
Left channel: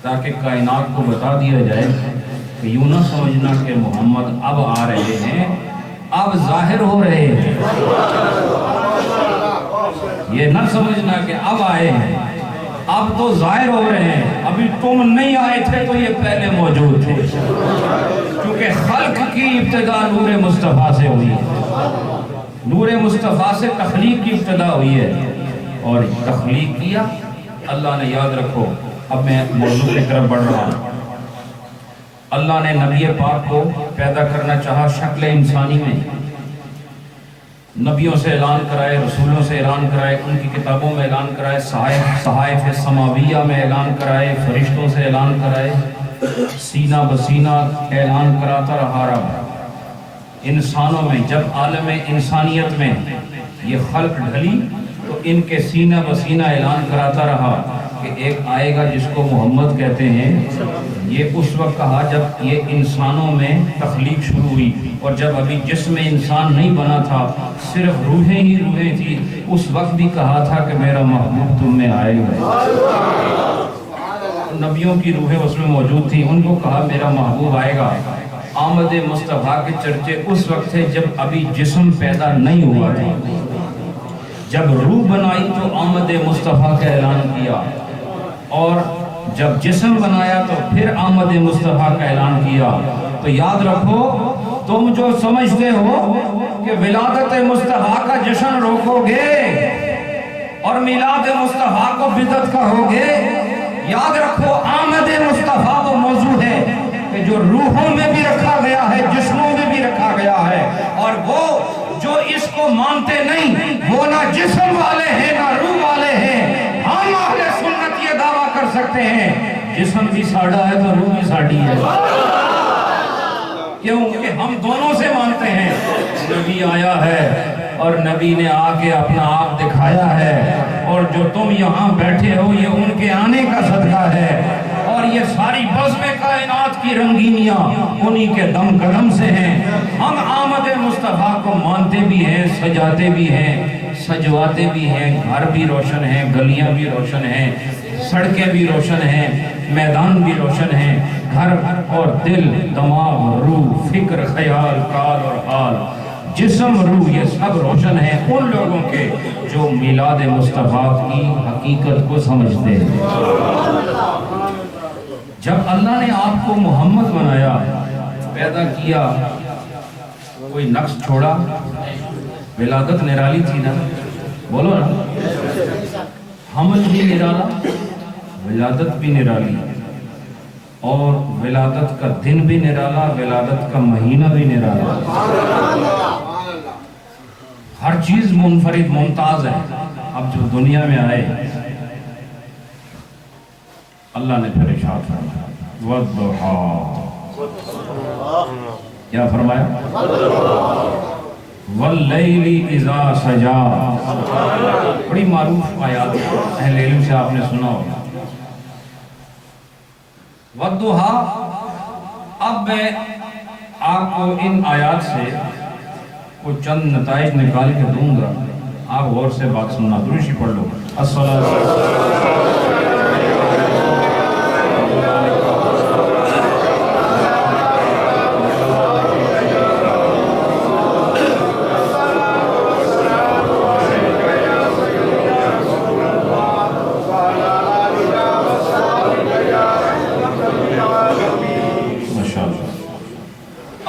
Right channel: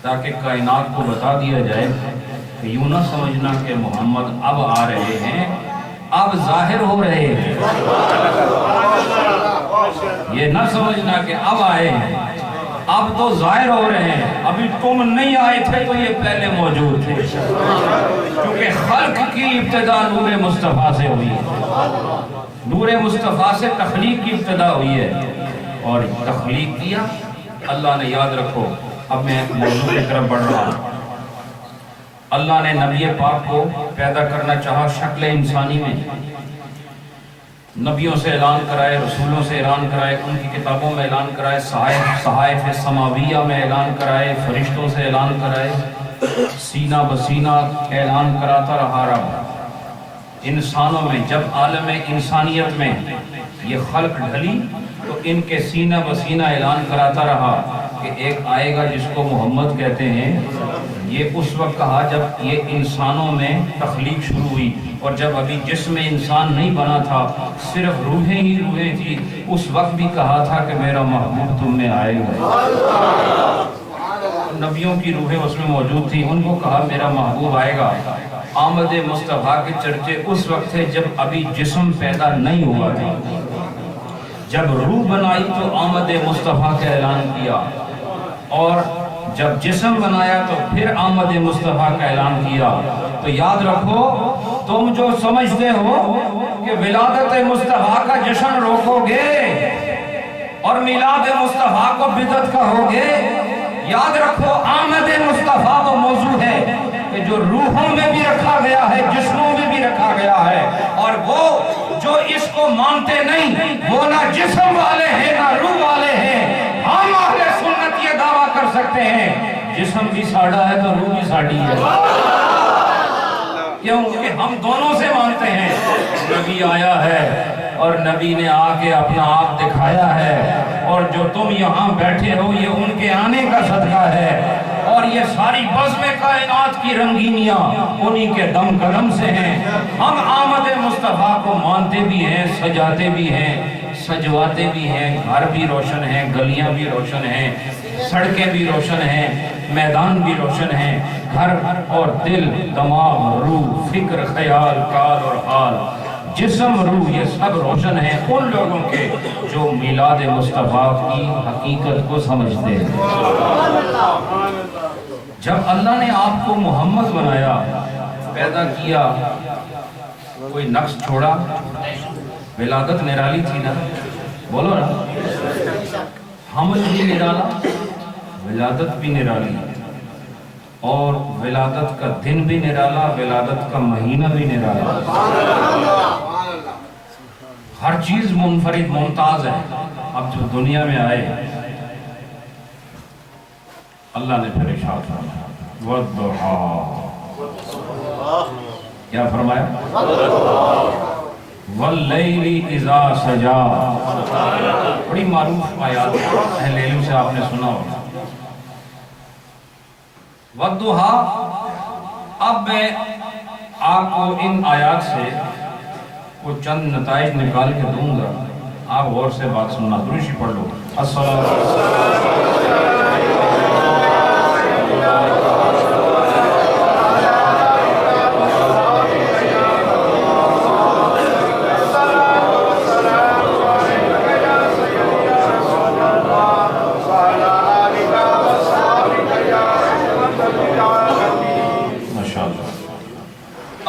تاکہ کائنات کو بتا دیا جائے کہ یوں نہ سمجھنا کہ محمد اب آ رہے ہیں، اب ظاہر ہو رہے ہیں، یہ نہ سمجھنا کہ اب آئے ہیں، اب تو ظاہر ہو رہے ہیں، ابھی تم نہیں آئے تھے تو یہ پہلے موجود تھے، کیونکہ خلق کی ابتدا نور مصطفیٰ سے ہوئی ہے، نور مصطفیٰ سے تخلیق کی ابتدا ہوئی ہے، اور تخلیق کیا اللہ نے۔ یاد رکھو، اب میں موضوع کی طرف بڑھ رہا ہوں۔ اللہ نے نبی پاک کو پیدا کرنا چاہا شکل انسانی میں، نبیوں سے اعلان کرائے، رسولوں سے اعلان کرائے، ان کی کتابوں میں اعلان کرائے، صحائف سماویہ میں اعلان کرائے، فرشتوں سے اعلان کرائے، سینہ بسینہ اعلان کراتا رہا رب۔ انسانوں میں جب عالم انسانیت میں یہ خلق ڈھلی تو ان کے سینہ بسینہ اعلان کراتا رہا کہ ایک آئے گا جس کو محمد کہتے ہیں۔ یہ اس وقت کہا جب یہ انسانوں میں تخلیق شروع ہوئی، اور جب ابھی جسم انسان نہیں بنا تھا، صرف روحیں ہی روحیں تھی، اس وقت بھی کہا تھا کہ میرا محبوب تم میں آئے گا۔ نبیوں کی روحیں اس میں موجود تھی، ان کو کہا میرا محبوب آئے گا۔ آمد مصطفیٰ کے چرچے اس وقت تھے جب ابھی جسم پیدا نہیں ہوا تھا. جب روح بنائی تو آمد مصطفیٰ کا اعلان کیا، اور جب جسم بنایا تو پھر آمد مصطفیٰ کا اعلان کیا. تو یاد رکھو، تم جو سمجھتے ہو کہ ولادت مصطفیٰ کا جشن روکو گے اور میلاد مصطفیٰ کو بدعت کہو گے، یاد رکھو آمد مصطفیٰ وہ موضوع ہے کہ جو روحوں میں بھی رکھا گیا ہے، جسموں میں بھی رکھا گیا ہے. اور وہ جو اس کو مانتے نہیں وہ نہ جسم والے ہیں نہ روح والے ہیں. ہم اہل سنت یہ دعویٰ کر سکتے ہیں جسم بھی ساڑھا ہے تو روح بھی ساڑھی ہے. کیوں کہ ہم دونوں سے مانتے ہیں نبی آیا ہے اور نبی نے آ کے اپنا آپ دکھایا ہے، اور جو تم یہاں بیٹھے ہو یہ ان کے آنے کا صدقہ ہے، اور یہ ساری بزم کائنات کی رنگینیاں انہی کے دم قدم سے ہیں. ہم آمد مصطفیٰ کو مانتے بھی ہیں، سجاتے بھی ہیں، سجواتے بھی ہیں. گھر بھی روشن ہیں، گلیاں بھی روشن ہیں، سڑکیں بھی روشن ہیں، میدان بھی روشن ہیں. گھر اور دل، دماغ، روح، فکر، خیال، قال اور حال، جسم، روح، یہ سب روشن ہیں ان لوگوں کے جو میلاد مصطفیٰ کی حقیقت کو سمجھتے ہیں. جب اللہ نے آپ کو محمد بنایا، پیدا کیا، کوئی نقص چھوڑا؟ ولادت نرالی تھی نا، بولو نا. حمل بھی نرالا، ولادت بھی نرالی، اور ولادت کا دن بھی نرالا، ولادت کا مہینہ بھی نرالا. ہر چیز منفرد ممتاز ہے. اب جو دنیا میں آئے اللہ نے پھر ارشاد فرمایا والضحیٰ، کیا فرمایا؟ واللیل اذا سجا. بڑی معروف آیات اہل علم سے آپ نے سنا ہوگا. والضحیٰ. اب میں آپ کو ان آیات سے کچھ چند نتائج نکال کے دوں گا، آپ غور سے بات سننا. دروشی پڑھ لو. السلام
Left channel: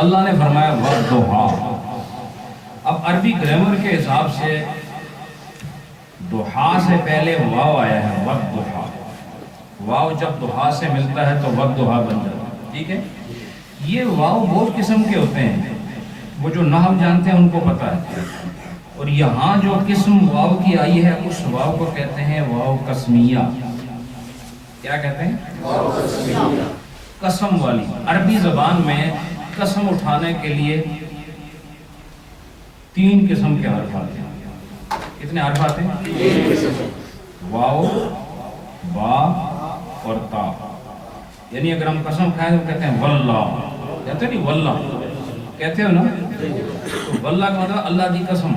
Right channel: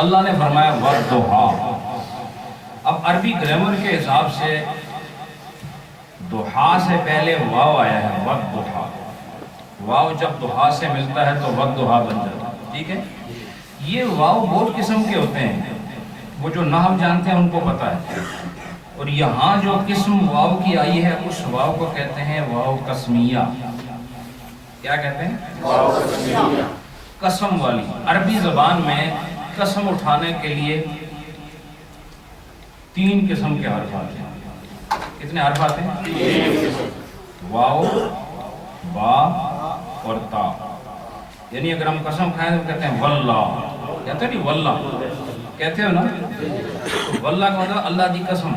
اللہ نے فرمایا والضحیٰ. اب عربی گرامر کے حساب سے ضحیٰ سے پہلے واو آیا ہے، والضحیٰ. واو جب ضحیٰ سے ملتا ہے تو والضحیٰ بن جاتا ہے. ٹھیک ہے. یہ واو بہت قسم کے ہوتے ہیں، وہ جو نحو جانتے ہیں ان کو پتہ ہے. اور یہاں جو قسم واو کی آئی ہے اس واو کو کہتے ہیں واو قسمیہ. کیا کہتے ہیں؟ قسم والی. عربی زبان میں قسم اٹھانے کے لیے 3 قسم کے حرف آتے ہیں. کتنے حرف آتے ہیں؟ واو، با اور تا. یعنی اگر ہم قسم کھائیں تو کہتے ہیں واللہ. کہتے ہیں نہیں واللہ کہتے ہو نا؟ تو واللہ کا مطلب اللہ دی قسم.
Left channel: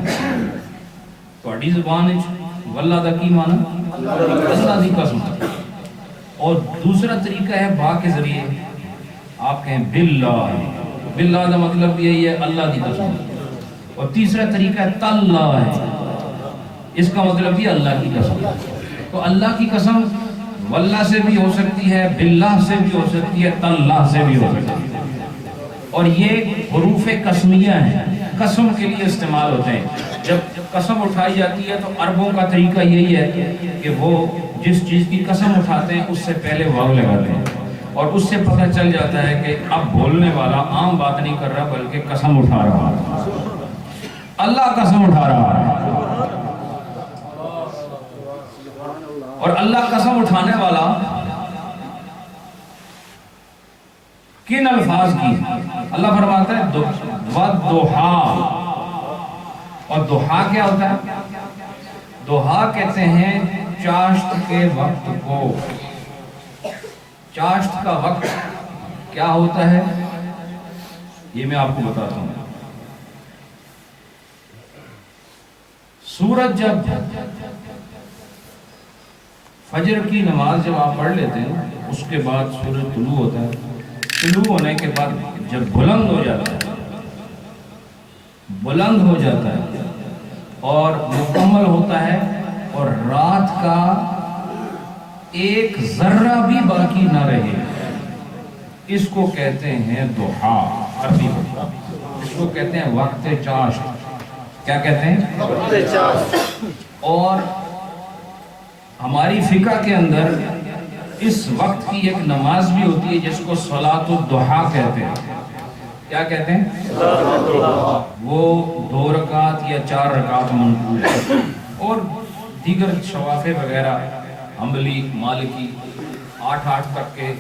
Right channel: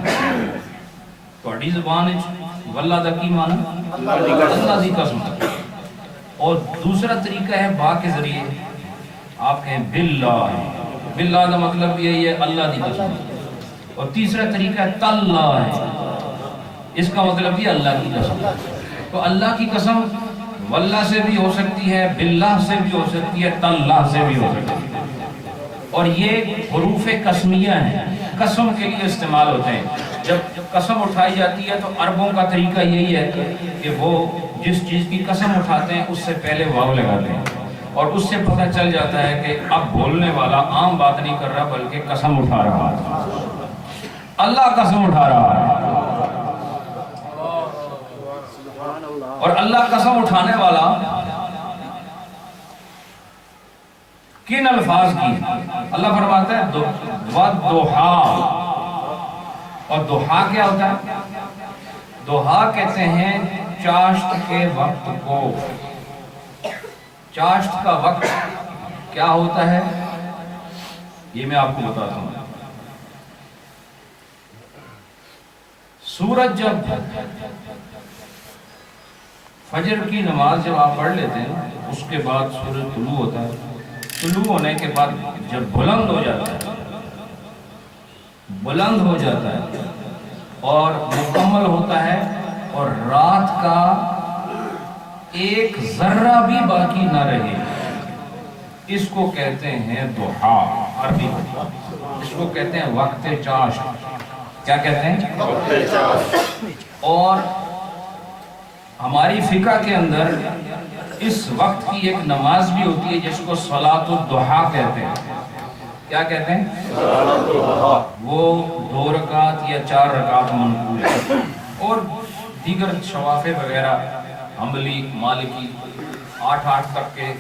تہاڈی زبان وچ واللہ دا کی معنی؟ اللہ دی قسم. اور دوسرا طریقہ ہے با کے ذریعے. آپ کہیں باللہ. باللہ کا مطلب یہی ہے اللہ دی قسم. اور تیسرا طریقہ ہے تاللہ ہے. اس کا مطلب یہ اللہ کی قسم. تو اللہ کی قسم واللہ سے بھی ہو سکتی ہے، باللہ سے بھی ہو سکتی ہے، تاللہ سے بھی ہو سکتی ہے. اور یہ حروف قسمیہ ہیں، قسم کے لیے استعمال ہوتے ہیں. جب قسم اٹھائی جاتی ہے تو عربوں کا طریقہ یہی ہے کہ وہ جس چیز کی قسم اٹھاتے ہیں اس سے پہلے واو لگاتے ہیں، اور اس سے پتہ چل جاتا ہے کہ اب بولنے والا عام بات نہیں کر رہا بلکہ قسم اٹھا رہا ہے. اللہ قسم اٹھا رہا ہے. اور اللہ قسم اٹھانے والا کن الفاظ کی؟ اللہ فرماتا ہے والضحیٰ. اور ضحیٰ کیا ہوتا ہے؟ ضحیٰ کہتے ہیں چاشت کے وقت کو. چاشت کا وقت کیا ہوتا ہے یہ میں آپ کو بتاتا ہوں. سورج جب فجر کی نماز جب آپ پڑھ لیتے ہیں اس کے بعد سورج طلوع ہوتا ہے طلوع ہونے کے بعد جب بلند ہو جاتا ہے، بلند ہو جاتا ہے اور مکمل ہوتا ہے اور رات کا ایک ذرہ بھی باقی نہ رہے، اس کو کہتے ہیں ضحیٰ عربی میں، اس کو کہتے ہیں وقت چاشت۔ کیا کہتے ہیں؟ وقت چاشت۔ اور ہماری فقہ کے اندر اس وقت کی ایک نماز بھی ہوتی ہے جس کو صلاۃ الضحیٰ کہتے ہیں۔ کیا کہتے ہیں؟ وہ 2 رکعت یا 4 رکعت منقول ہے، اور دیگر شوافع وغیرہ حنبلی مالکی 8 تک کے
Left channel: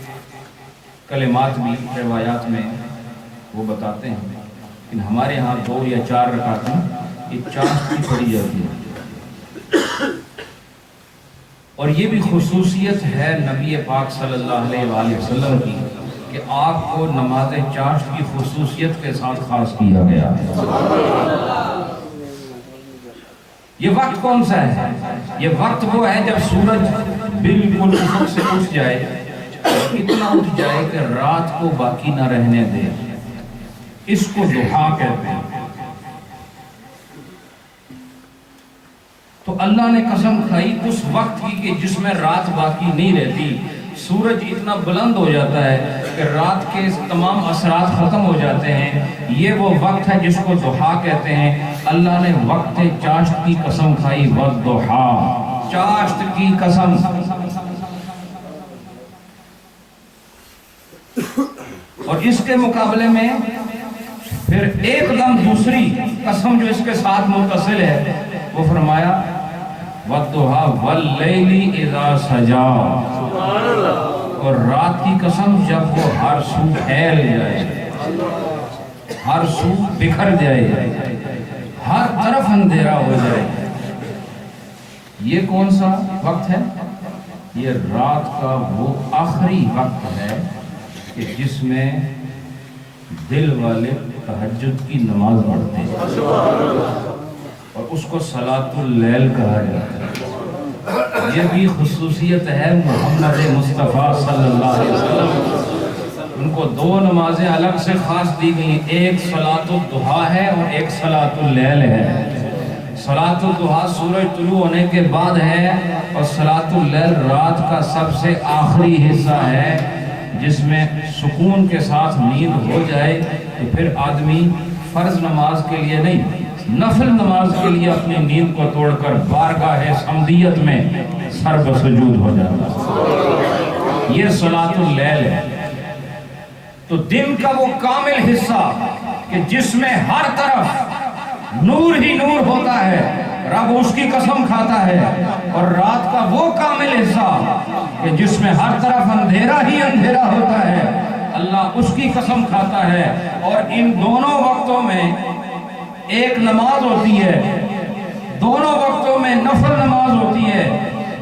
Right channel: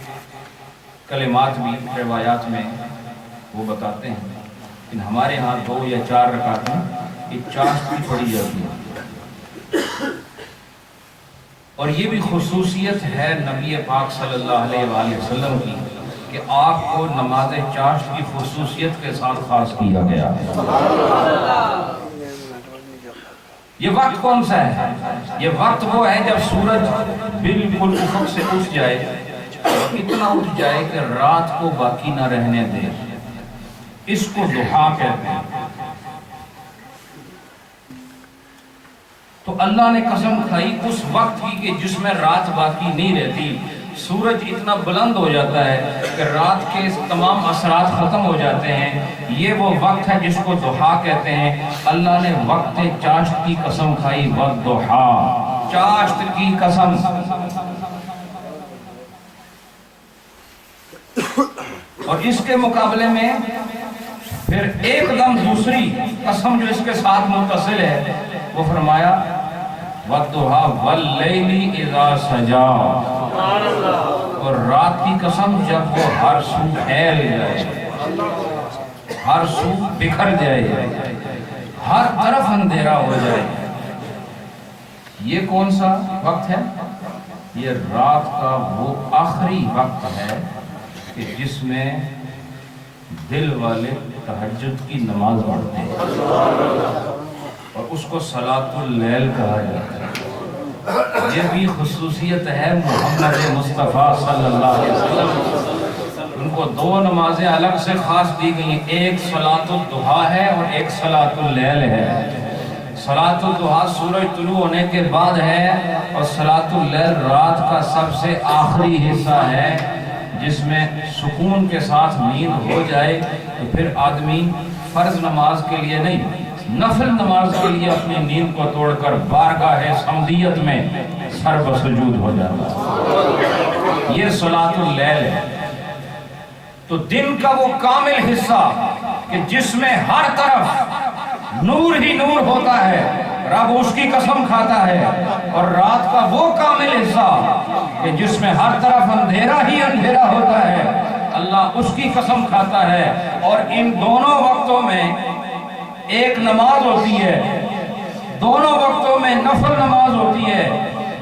کلمات بھی روایات میں وہ بتاتے ہیں، لیکن ہمارے ہاں 2 یا 4 رکعت ایک چاشت کی پڑھی جاتی ہے۔ اور یہ بھی خصوصیت ہے نبی پاک صلی اللہ علیہ وآلہ وسلم کی کہ آپ کو نماز چاشت کی خصوصیت کے ساتھ خاص کیا گیا ہے۔ یہ وقت کون سا ہے؟ یہ وقت وہ ہے جب سورج بالکل افق سے اٹھ جائے، اور اتنا اٹھ جائے کہ رات کو باقی نہ رہنے دے، اس کو ضحیٰ کہتے ہیں۔ تو اللہ نے قسم کھائی اس وقت کی کہ جس میں رات باقی نہیں رہتی، سورج اتنا بلند ہو جاتا ہے کہ رات کے تمام اثرات ختم ہو جاتے ہیں، یہ وہ وقت ہے جس کو ضحیٰ کہتے ہیں۔ اللہ نے وقت چاشت کی قسم کھائی، والضحیٰ، چاشت کی قسم۔ اور اس کے مقابلے میں پھر ایک دم دوسری قسم جو اس کے ساتھ متصل ہے، وہ فرمایا والضحیٰ واللیل اذا سجا، اور رات کی قسم جب وہ ہر سو پھیل جائے، ہر سو بکھر جائے، ہر طرف اندھیرا ہو جائے۔ یہ کون سا وقت ہے؟ یہ رات کا وہ آخری وقت ہے کہ جس میں دل والے تہجد کی نماز پڑھتے ہیں، اور اس کو صلاۃ اللیل کہا جاتا ہے۔ یہ بھی خصوصیت ہے محمد مصطفیٰ صلی اللہ علیہ وسلم، ان کو 2 نمازیں الگ سے خاص دی گئی ہیں، ایک صلاۃ الضحیٰ ہے اور ایک صلاۃ اللیل ہے۔ صلاۃ الضحیٰ سورج طلوع ہونے کے بعد ہے، اور صلاۃ اللیل رات کا سب سے آخری حصہ ہے جس میں سکون کے ساتھ نیند ہو جائے تو پھر آدمی فرض نماز کے لیے نہیں، نفل نماز کے لیے اپنی نیند کو توڑ کر بارگاہ صمدیت میں سر بسجود ہو جاتا ہے۔ یہ صلاۃ اللیل ہے۔ تو دن کا وہ کامل حصہ کہ جس میں ہر طرف نور ہی نور ہوتا ہے، رب اس کی قسم کھاتا ہے، اور رات کا وہ کامل حصہ کہ جس میں ہر طرف اندھیرا ہی اندھیرا ہوتا ہے، اللہ اس کی قسم کھاتا ہے۔ اور ان دونوں وقتوں میں ایک نماز ہوتی ہے، دونوں وقتوں میں نفل نماز ہوتی ہے،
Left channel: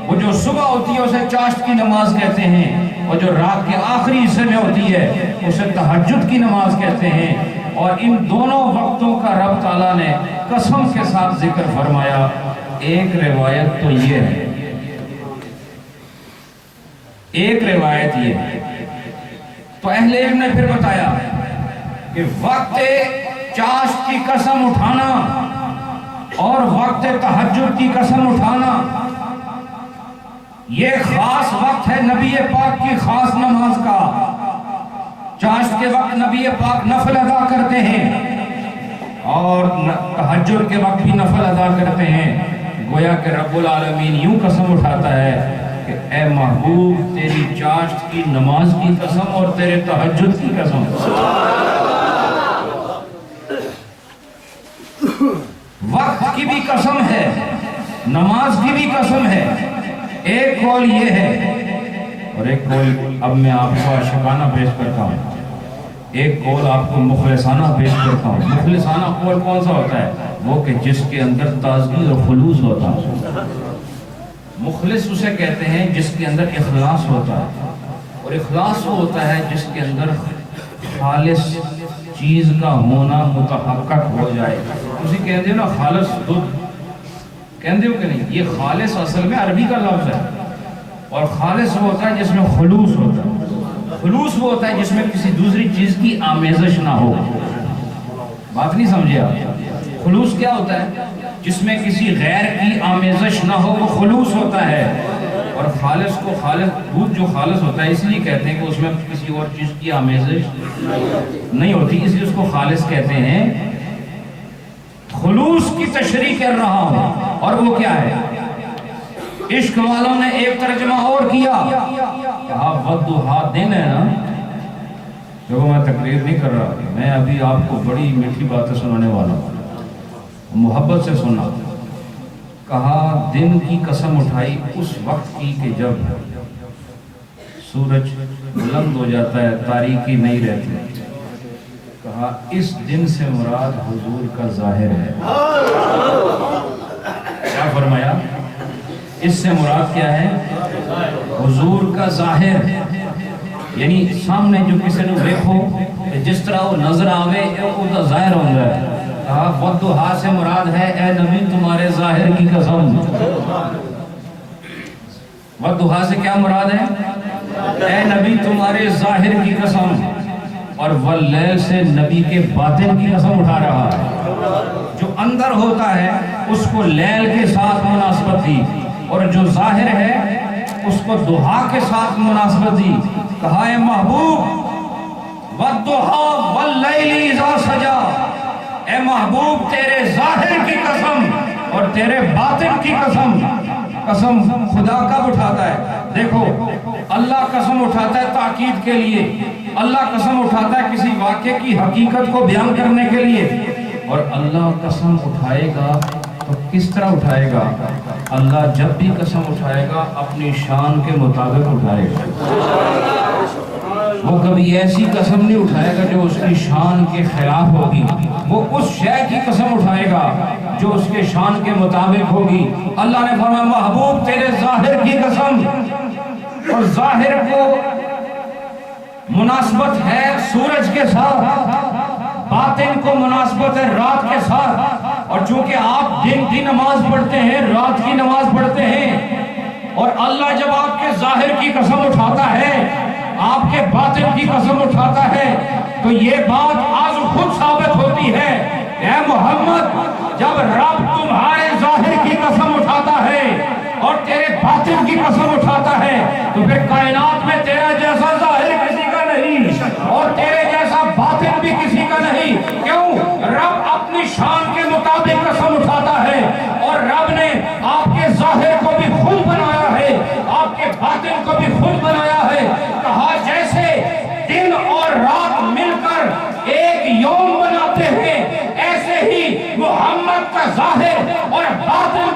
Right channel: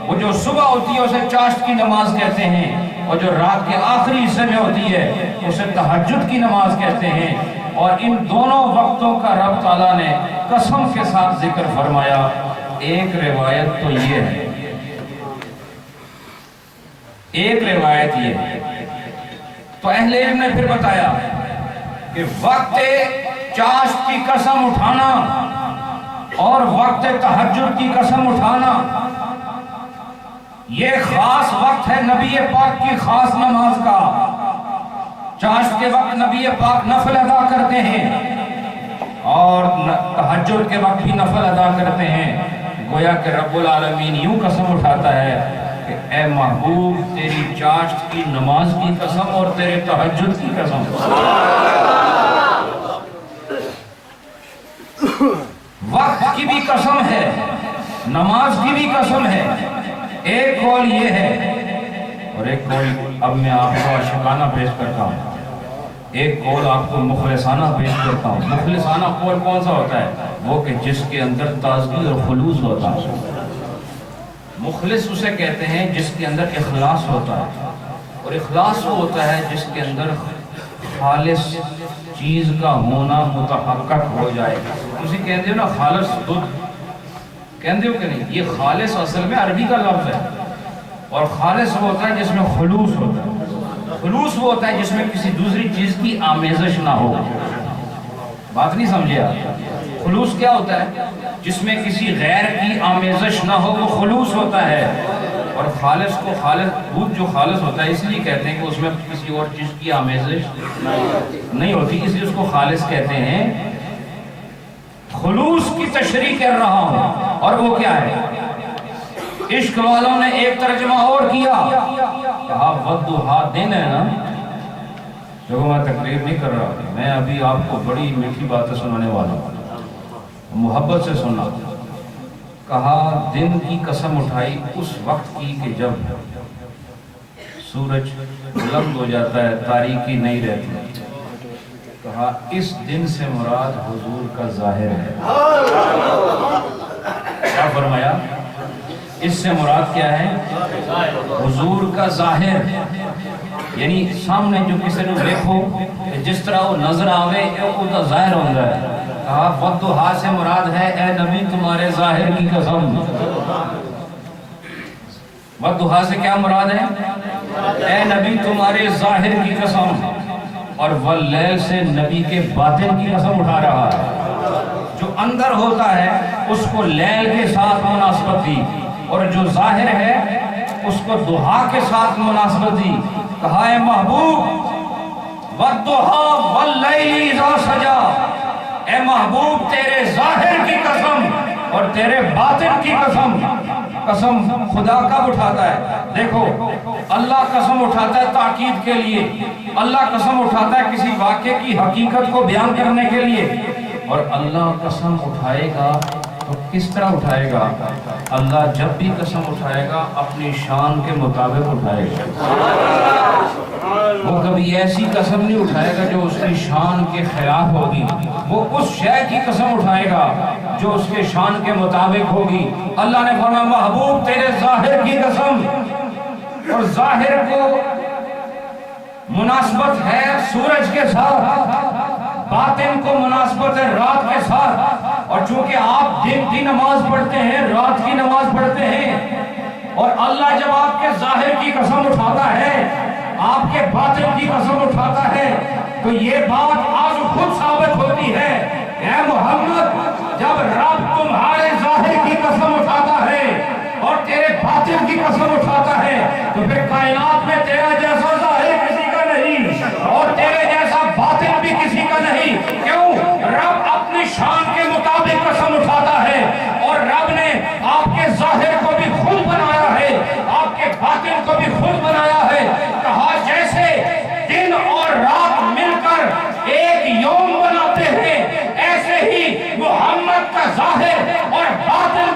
وہ جو صبح ہوتی ہے اسے چاشت کی نماز کہتے ہیں، اور جو رات کے آخری حصے میں ہوتی ہے اسے تہجد کی نماز کہتے ہیں۔ اور ان دونوں وقتوں کا رب تعالیٰ نے قسم کے ساتھ ذکر فرمایا۔ ایک روایت تو یہ ہے، ایک روایت یہ ہے، تو اہل علم نے پھر بتایا کہ وقت چاشت کی قسم اٹھانا اور وقت تہجد کی قسم اٹھانا، یہ خاص وقت ہے نبی پاک کی خاص نماز کا۔ چاشت کے وقت نبی پاک نفل ادا کرتے ہیں، اور تہجد کے وقت بھی نفل ادا کرتے ہیں۔ گویا کہ رب العالمین یوں قسم اٹھاتا ہے کہ اے محبوب، تیری چاشت کی نماز کی قسم اور تیرے تہجد کی قسم، وقت کی بھی قسم ہے، نماز کی بھی قسم ہے۔ ایک قول یہ ہے، اور ایک قول اب میں آپ کو عاشقانہ پیش کرتا ہوں، ایک قول آپ کو مخلصانہ پیش کرتا ہوں۔ مخلصانہ قول کون سا ہوتا ہے؟ وہ کہ جس کے اندر تازگی اور خلوص ہوتا ہے۔ مخلص اسے کہتے ہیں جس کے اندر اخلاص ہوتا ہے، اور اخلاص وہ ہوتا ہے جس کے اندر خالص چیز کا ہونا متحقق ہو جائے۔ اسی کہتے ہو نا خالص دودھ، کہتے ہو کہ نہیں؟ یہ خالص اصل میں عربی کا لفظ ہے، اور خالص وہ ہوتا ہے جس میں خلوص ہوتا ہے۔ خلوص وہ ہوتا ہے جس میں کسی دوسری چیز کی آمیزش نہ ہو. بات نہیں سمجھے آپ؟ خلوص کیا ہوتا ہے؟ جس میں کسی غیر کی آمیزش نہ ہو، وہ خلوص ہوتا ہے. اور خالص کو دودھ جو خالص ہوتا ہے اس لیے کہتے ہیں کہ اس میں کسی اور چیز کی آمیزش نہیں ہوتی، اس لیے اس کو خالص کہتے ہیں. خلوص کی تشریح کر رہا ہوں. اور وہ کیا ہے؟ عشق والوں نے ایک ترجمہ اور کیا، کہا والضحیٰ دن ہے نا. جو میں تقریر نہیں کر رہا، میں ابھی آپ کو بڑی میٹھی باتیں سنانے والا ہوں، محبت سے سننا. کہا دن کی قسم اٹھائی اس وقت کی کہ جب سورج بلند ہو جاتا ہے، تاریکی نہیں رہتی. کہا اس دن سے مراد حضور کا ظاہر ہے. کیا فرمایا؟ اس سے مراد کیا ہے؟ حضور کا ظاہر. یعنی سامنے جو کسی نے دیکھو جس طرح وہ نظر آوے وہ تو ظاہر ہوتا ہے. کہا والضحیٰ سے مراد ہے اے نبی تمہارے ظاہر کی قسم. والضحیٰ سے کیا مراد ہے؟ اے نبی تمہارے ظاہر کی قسم. اور واللیل سے نبی کے باطن کی قسم اٹھا رہا ہے. جو اندر ہوتا ہے اس کو لیل کے ساتھ مناسبت دی، اور جو ظاہر ہے اس کو ضحیٰ کے ساتھ مناسبت دی. کہا اے محبوب والضحیٰ واللیل اذا سجا، اے محبوب تیرے ظاہر کی قسم اور تیرے باطن کی قسم. قسم خدا کب اٹھاتا ہے؟ دیکھو اللہ قسم اٹھاتا ہے تاکید کے لیے، اللہ قسم اٹھاتا ہے کسی واقعے کی حقیقت کو بیان کرنے کے لیے. اور اللہ قسم اٹھائے گا تو کس طرح اٹھائے گا؟ اللہ جب بھی قسم اٹھائے گا اپنی شان کے مطابق اٹھائے گا. وہ کبھی ایسی قسم نہیں اٹھائے گا جو اس کی شان کے خلاف ہوگی. وہ اس شے کی قسم اٹھائے گا جو اس کے شان کے مطابق ہوگی. اللہ نے فرمایا محبوب تیرے ظاہر کی قسم. اور ظاہر کو مناسبت ہے سورج کے ساتھ، باطن کو مناسبت ہے رات کے ساتھ. اور چونکہ آپ دن کی نماز پڑھتے ہیں، رات کی نماز پڑھتے ہیں، اور اللہ جب آپ کے ظاہر کی قسم اٹھاتا ہے، آپ کے باطن کی قسم اٹھاتا ہے، تو یہ بات آج خود ثابت ہوتی ہے. اے محمد جب رب تمہارے ظاہر کی قسم اٹھاتا ہے اور تیرے باطن کی قسم اٹھاتا ہے تو پھر کائنات میں تیرا جیسا ظاہر کسی کا نہیں اور تیرے جیسا باطن بھی کسی کا نہیں. کیوں؟ رب اپنی شان کے مطابق قسم اٹھاتا ہے، اور رب نے آپ کے ظاہر کو بھی خود بنایا ہے، آپ کے باطن کو بھی خود بنایا ہے. کہا جیسے دن اور رات مل کر ایک یوم بناتے ہیں، ایسے ہی محمد کا ظاہر اور باطن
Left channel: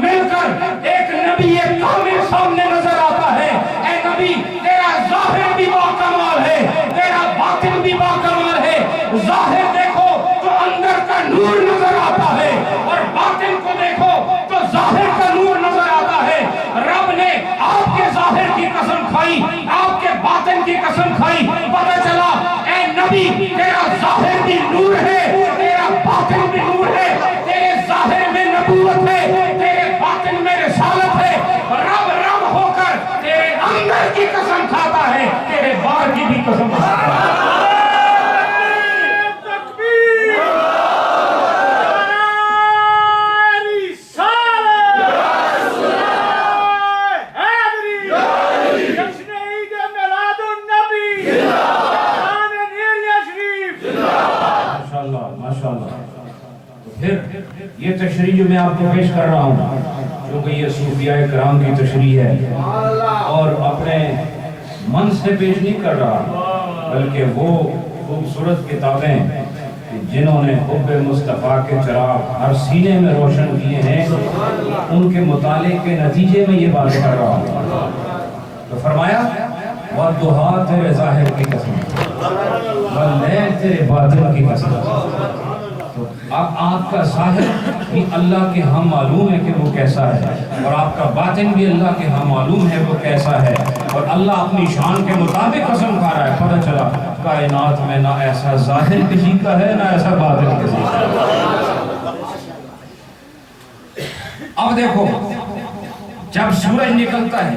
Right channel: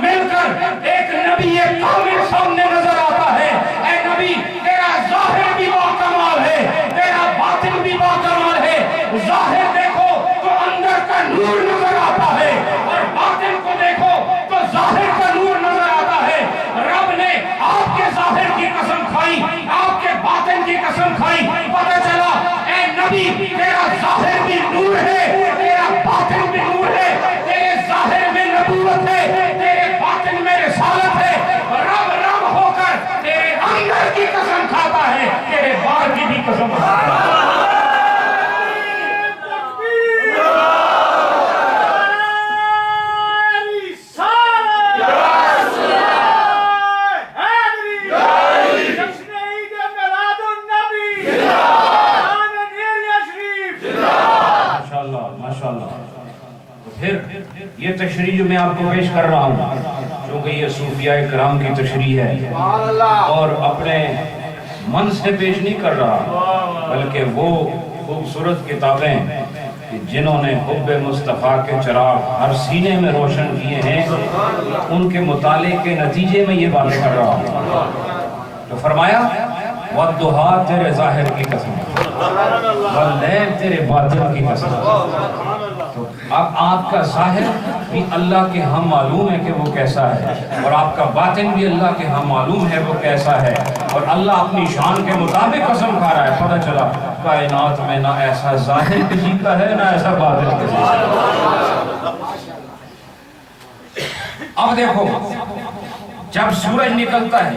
مل کر ایک نبی کامل سامنے نظر آتا ہے. اے نبی تیرا ظاہر بھی باکمال ہے، تیرا باطن بھی باکمال ہے. ظاہر دیکھو تو اندر کا نور نظر آتا ہے، اور باطن کو دیکھو تو ظاہر کا نور نظر آتا ہے. رب نے آپ کے ظاہر کی قسم کھائی، آپ کے باطن کی قسم کھائی. پتہ چلا اے نبی تیرا ظاہر بھی نور ہے، تیرا باطن بھی نور ہے. تیرے ظاہر میں نبوت ہے، تیرے باطن میں رسالت ہے. رب رب ہو کر تیرے اندر کی قسم کھاتا ہے، تیرے باہر کی بھی قسم کھاتا ہے. یہ تشریح جو میں آپ کو پیش کر رہا ہوں کیونکہ یہ صوفیاء کرام کی تشریح ہے اور اپنے من سے پیش نہیں کر رہا، بلکہ وہ خوبصورت کتابیں جنہوں نے حب مصطفیٰ کے چراغ ہر سینے میں روشن کیے ہیں ان کے مطالعے کے نتیجے میں یہ بات کر رہا ہوں. تو فرمایا والضحیٰ تیرے ظاہر کی قسم، واللیل تیرے باطن کی قسم. تو اب آپ کا ظاہر بھی اللہ کے ہاں معلوم ہے کہ وہ کیسا ہے، اور آپ کا باطن بھی اللہ کے ہاں معلوم ہے وہ کیسا ہے، اور اللہ اپنی شان کے مطابق قسم کھا رہا ہے. پتہ چلا کائنات میں نہ ایسا ظاہر کسی کا ہے نہ ایسا باطن کسی کا ہے. اب دیکھو جب سورج نکلتا ہے